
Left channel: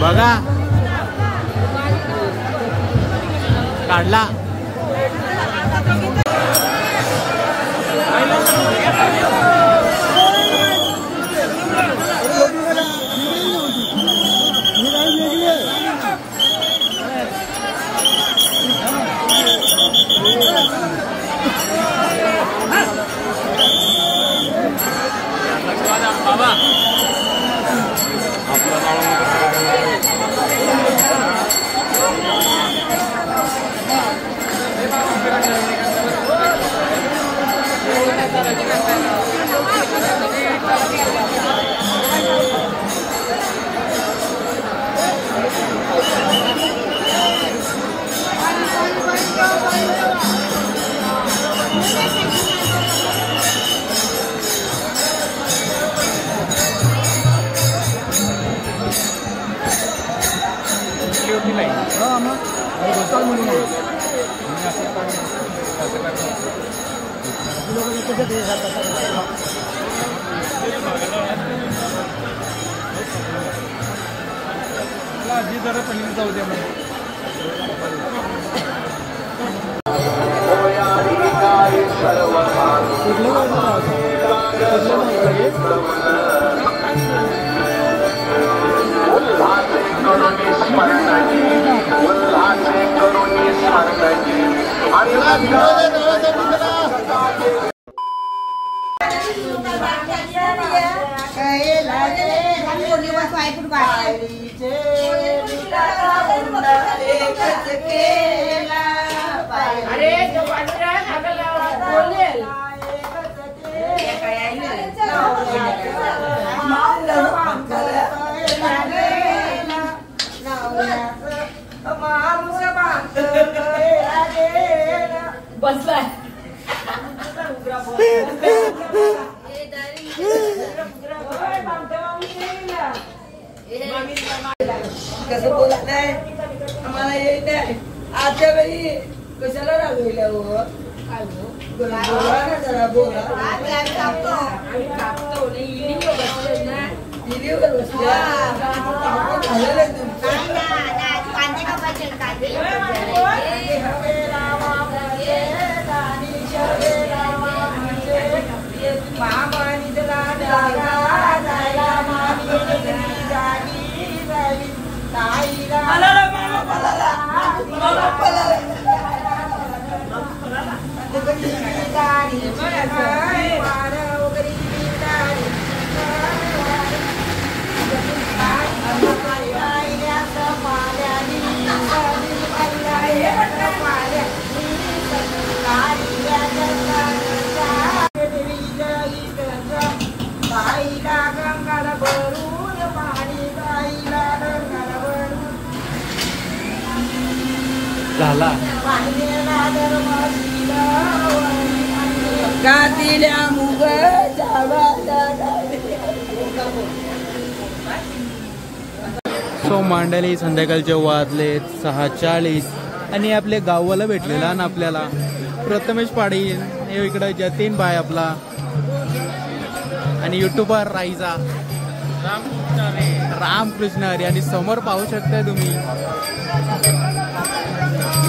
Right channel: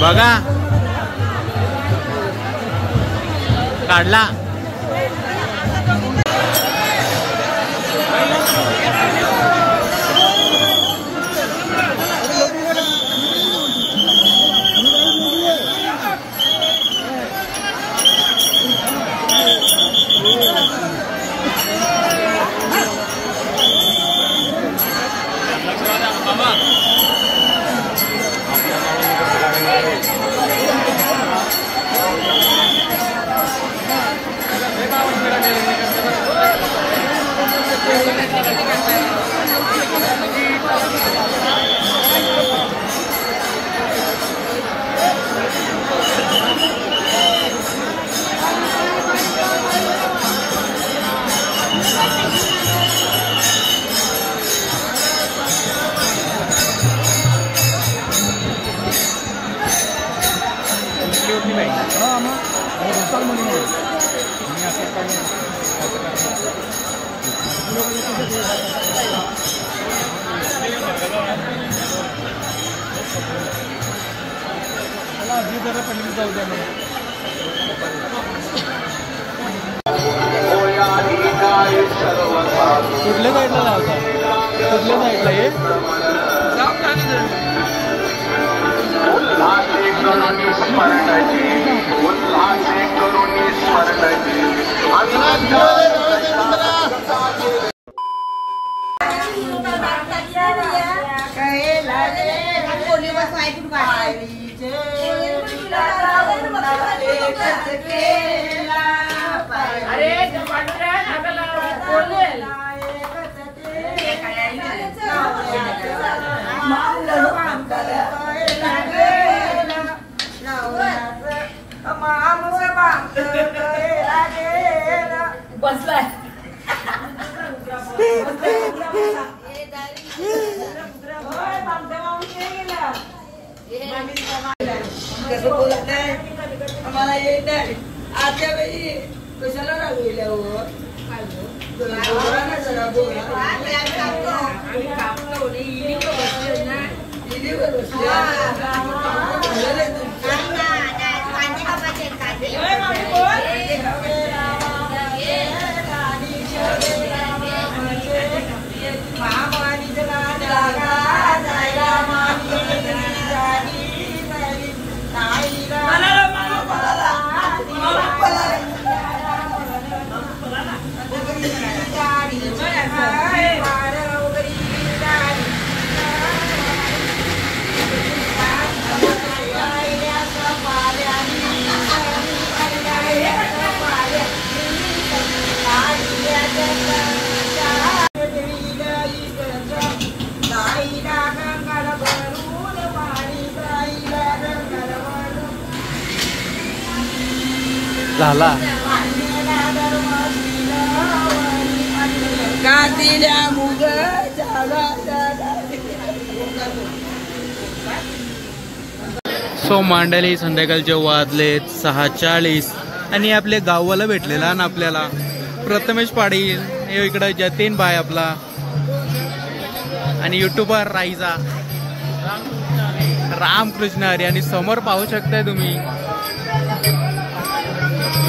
बघा काढला. कुठल्या साईडला लावता, कुठल्या साईडला ये. काय बसलाय कसं बोलत नाही आम्हाला येत नाही आजच्या वेळी कशाला रागविल्या हो काय बोला ना जरा बोला आम्ही कापतो इलीवर बसल्या झालेलं आहे तुमचं झाला सो मांडली संध्याकाळचे वाजलेत 6:40 आणि आपले गाववाला भेटलेला ना आपल्याला प्रथमेश पाटील इकडं जतीन भाई आपला आणि युट्यूबर राईजा रामकृष्ण हरी आणि समोर पाहू शकताय तुम्ही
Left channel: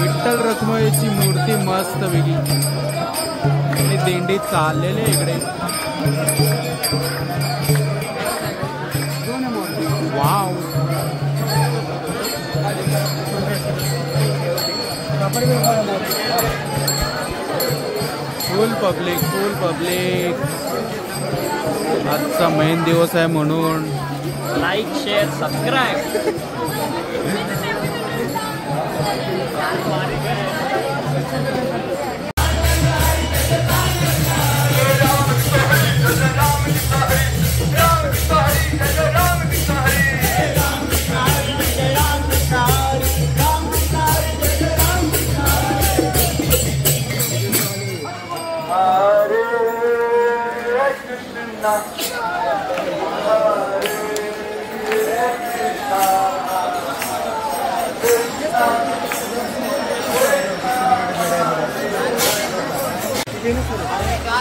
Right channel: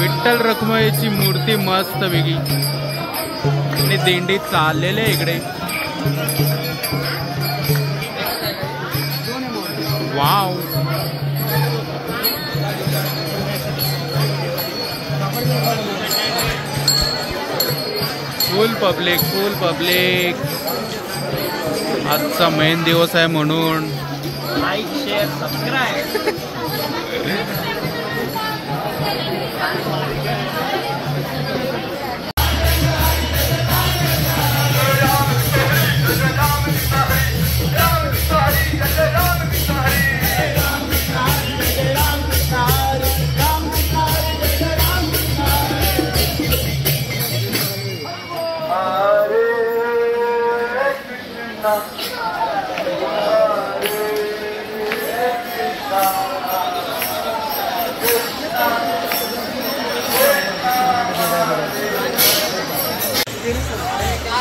विठ्ठल रखुमाईची मूर्ती मस्त वेगळी आणि दिंडी चाललेले इकडे वाव फुल पब्लिक आजचा मेन दिवस आहे म्हणून लाईक शेअर सबस्क्राईब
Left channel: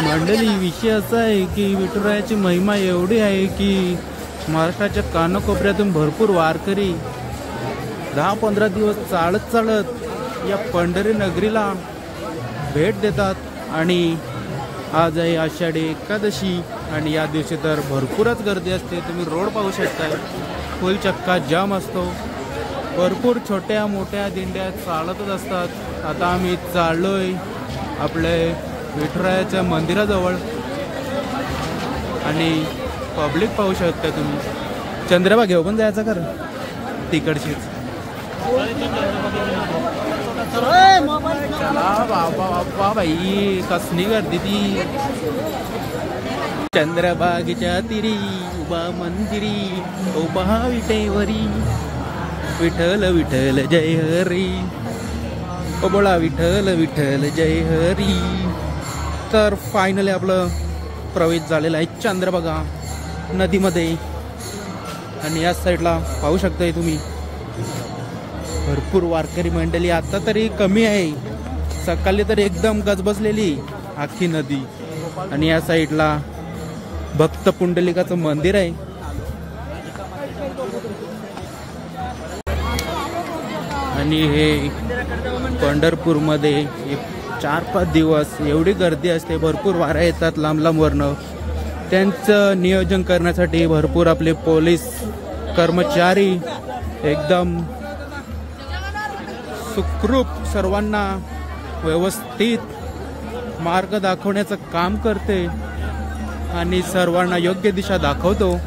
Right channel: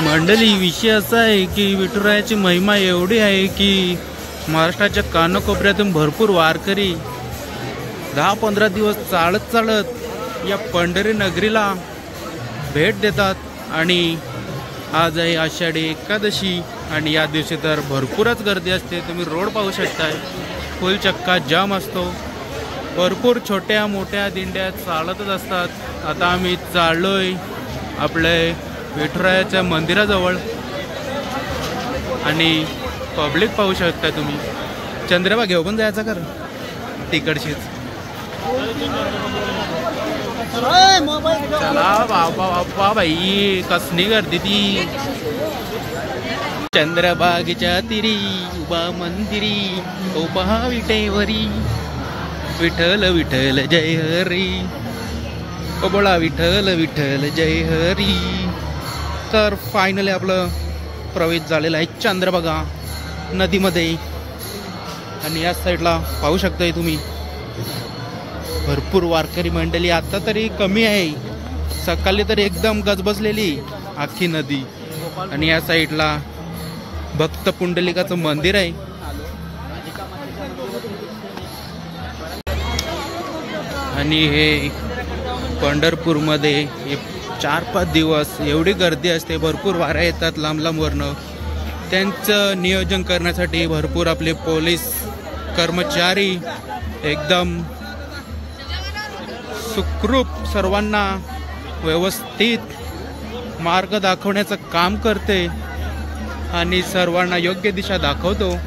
मंडळी विषय असा आहे की विठुरायाची महिमा एवढी आहे की महाराष्ट्राच्या कानाकोपऱ्यातून भरपूर वारकरी 10-15 दिवस चालत या पंढरी नगरीला भेट देतात आणि आज आहे आषाढी एकादशी आणि या दिवशी तर भरपूरच गर्दी असते. तुम्ही रोड पाहू शकताय फुल चक्का जाम असतो. भरपूर छोट्या मोठ्या दिंड्या चालतच असतात. आता आम्ही चाललोय आपले विठुरायाच्या मंदिराजवळ आणि पब्लिक पाहू शकता तुम्ही. चंद्रबा घेऊ पण जायचं कर तिकडचीच. चला बाबा बाबा बाई कसली गर्दी ती. चंद्रबागेच्या तिरी उभा मंदिरी उभा विटेवरी विठ्ठल विठ्ठल जय हरी ओ बोला विठ्ठल विठ्ठल जय हरी. तर फायनली आपलं प्रवेश झालेला आहे चंद्रभागा नदीमध्ये आणि या साईडला पाहू शकताय तुम्ही भरपूर वारकरी मंडळी. आता तरी कमी आहे, सकाळी तर एकदम गजबजलेली आखी नदी. आणि या साईडला भक्त पुंडलिकाचं मंदिर आहे. आणि हे पंढरपूरमध्ये 4-5 दिवस एवढी गर्दी असते. भरपूर वाऱ्या येतात लांब लांबवरनं. त्यांचं नियोजन करण्यासाठी भरपूर आपले पोलीस कर्मचारी एकदम सुखरूप सर्वांना व्यवस्थित मार्ग दाखवण्याचं काम करते आणि सर्वांना योग्य दिशा दाखवतो.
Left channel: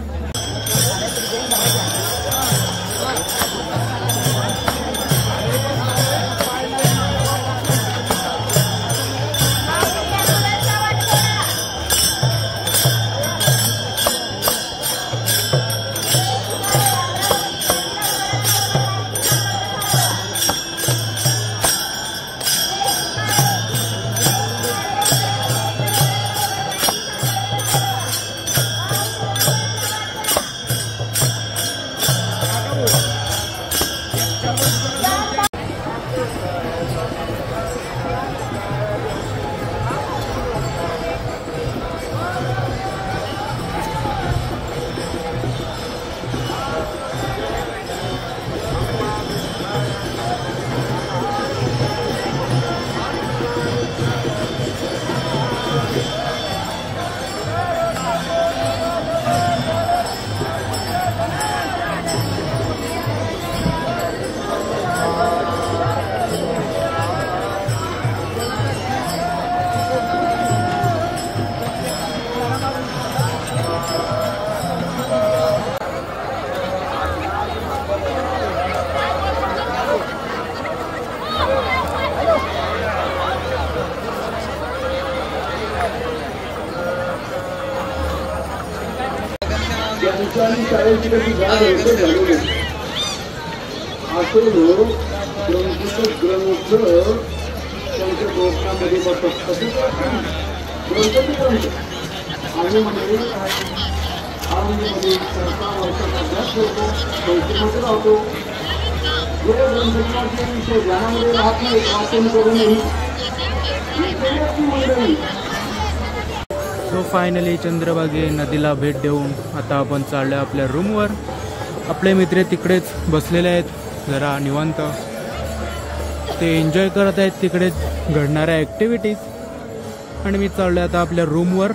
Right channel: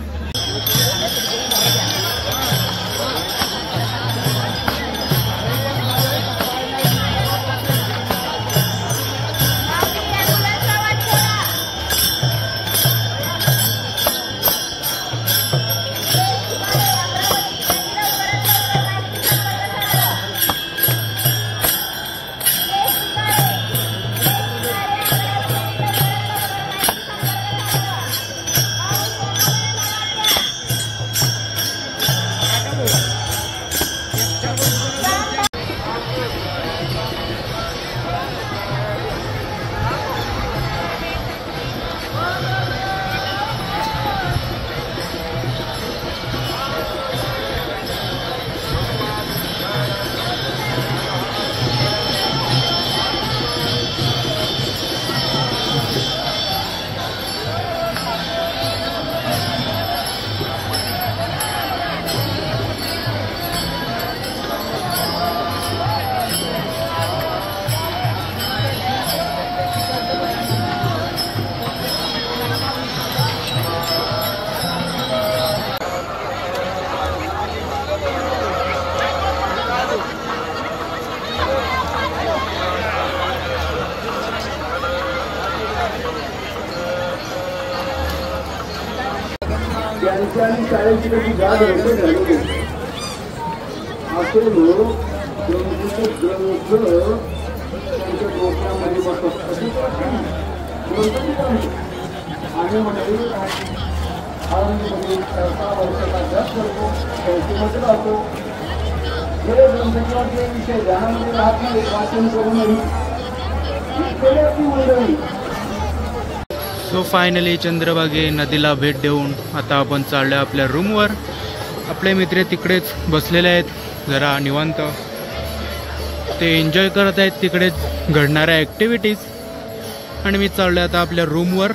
त्यांच्या आणि शाळेची कशी गाड होतं झालेली असं लोक ग्रंथ त्यांच्या डोक्यामध्ये बसत तसेच ग्रंथ आणि म्हणजे औरंगाबादमध्ये 15 वर्षाचा अभ्यास करतो संस्थेमध्ये राहतो जे ग्रंथाचे विषय ध्यानामध्ये राहत नाही वाचन करूनही विषयाची मंडळी. सो फायनली चंद्रभागे नदीला भेट देऊन आता आपण चाललो आपल्या रूमवर. आपले मित्र तिकडेच बसलेले आहेत जरा निवांत, ते एन्जॉय करत आहेत तिकडेच घडणाऱ्या ॲक्टिव्हिटीज, आणि मी चाललो आता आपल्या रूमवर.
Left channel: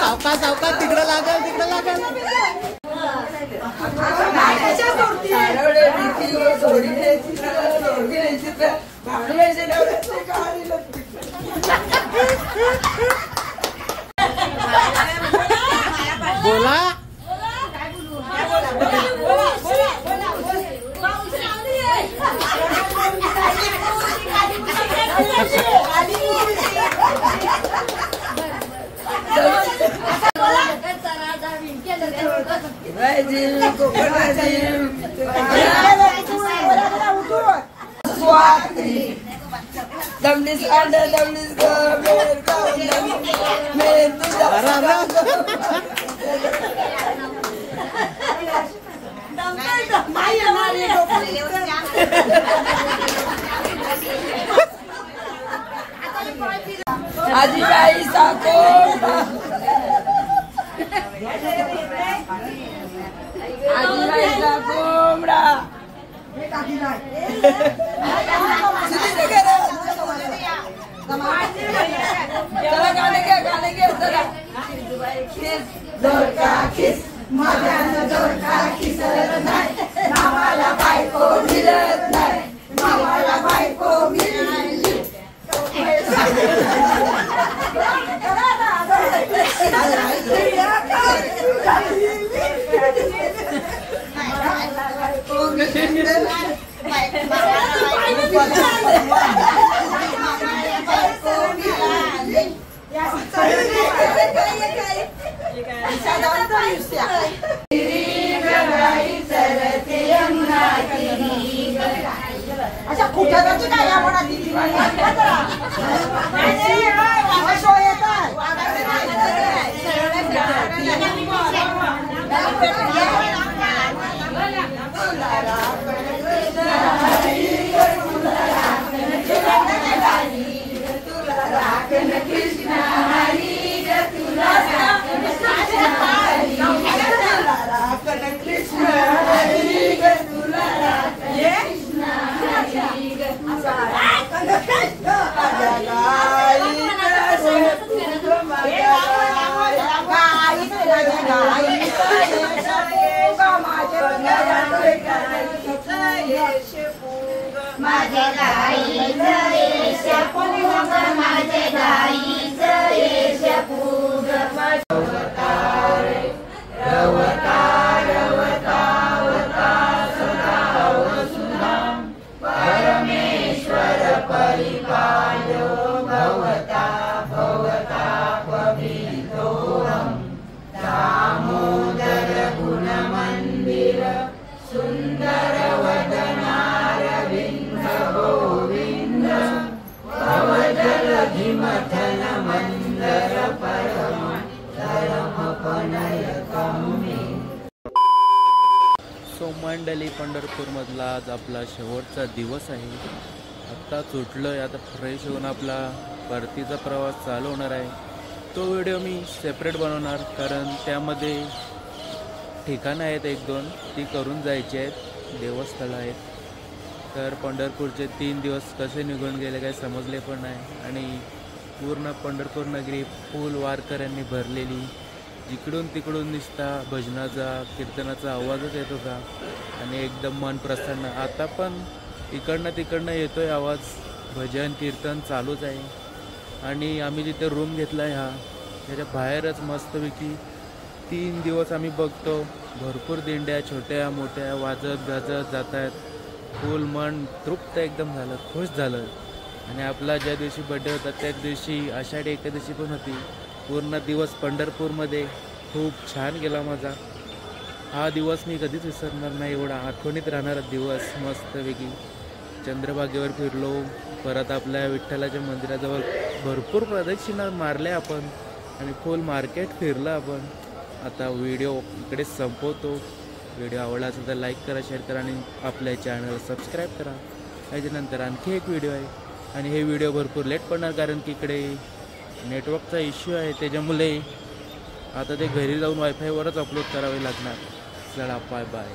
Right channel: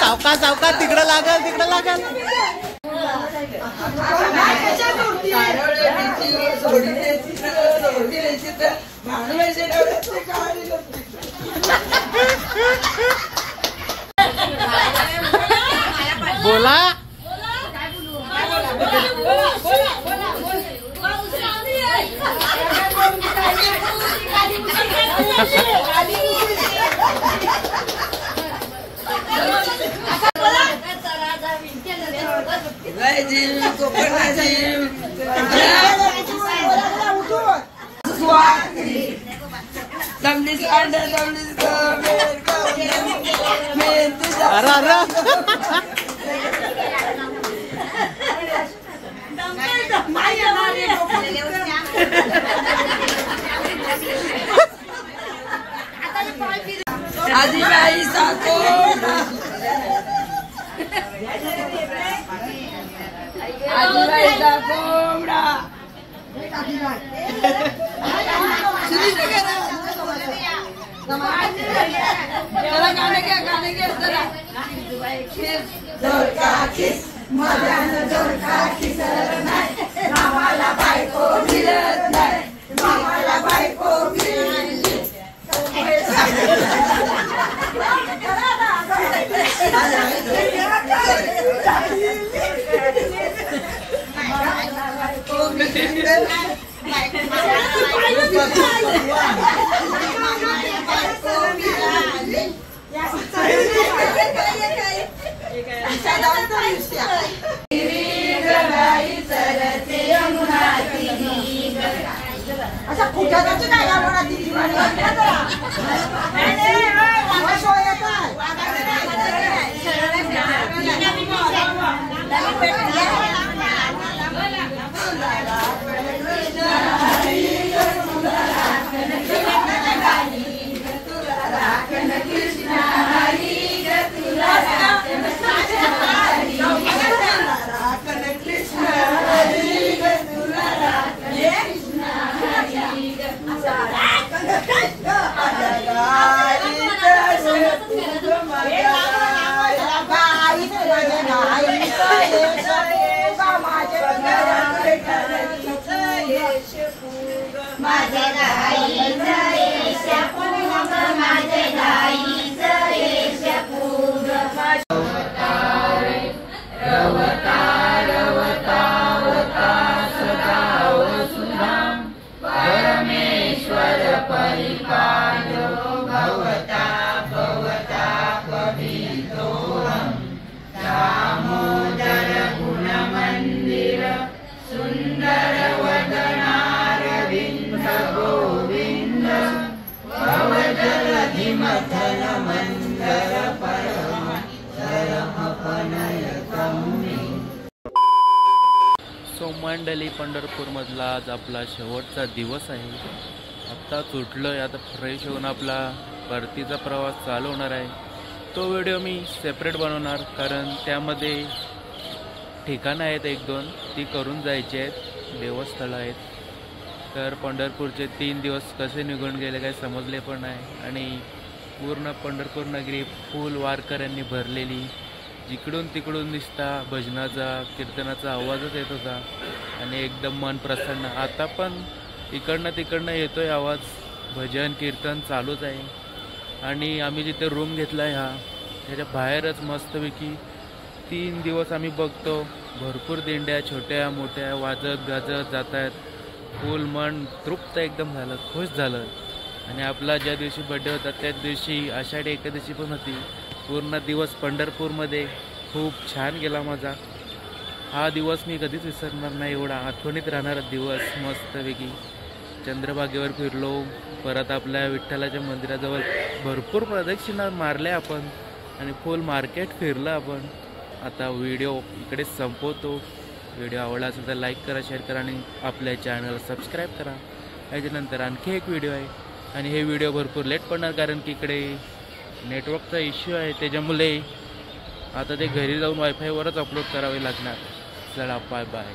सावकाश सावकाश तिकडं लागल तिकडं लागल. बोला अरे अरे आजीबाई साको आजीबाई कोंबडा चला गाणे घ्या चला मामाला बायको मिळत नाही मामाला बायको मिळाली अच्छा खुट्याची काय सो मंडळी पंढरपूरमधला आज आपला शेवटचा दिवस आहे. आत्ता सुटलोय, आता फ्रेश होऊन आपला परतीचा प्रवास चालू होणार आहे. तो व्हिडिओ मी सेपरेट बनवणार, कारण त्यामध्ये ठिकाणं आहेत 1-2 ती करून जायची आहेत, देवस्थळं आहेत. तर पंढरपूरचे 3 दिवस कसे निघून गेले काही समजले पण नाही. आणि पूर्ण पंढरपूर नगरी फुल वारकऱ्यांनी भरलेली, जिकडून तिकडून दिसता भजनाचा कीर्तनाचा आवाजच येत होता आणि एकदम मन प्रसन्न. आता पण इकडनं तिकडनं येतोय आवाज, भजन कीर्तन चालूच आहे. आणि आम्ही जिथे रूम घेतला आहे त्याच्या बाहेरच मस्तपैकी 3 दिवस आम्ही बघतो भरपूर दिंड्या छोट्या मोठ्या वाजत गाजत जात आहेत. फुल मन तृप्त एकदम झालं, खुश झालं. आणि आपला ज्या दिवशी बड्डे होता त्याच दिवशी आषाढी एकादशी पण होती. पूर्ण दिवस पंढरपूरमध्ये खूप छान गेला माझा. हा दिवस मी कधीच विसरणार नाही, एवढा आठवणीत राहणारा दिवस. मस्तपैकी चंद्रभागेवर फिरलो, परत आपल्या विठ्ठलाच्या मंदिराजवळ भरपूर प्रदक्षिणा मारल्या आपण आणि फुल मार्केट फिरलं आपण. आता व्हिडिओ इकडेच संपवतो. व्हिडिओ आवडला असेल तर लाईक करा, शेअर करा आणि आपल्या चॅनल सबस्क्राईब करा. याच्यानंतर आणखी एक व्हिडिओ आहे आणि हे व्हिडिओ भरपूर लेट पडणार, कारण की इकडे नेटवर्कचा इश्यू आहे. त्याच्यामुळे आता ते घरी जाऊन वायफायवरच अपलोड करावे लागणार. चला बाय बाय.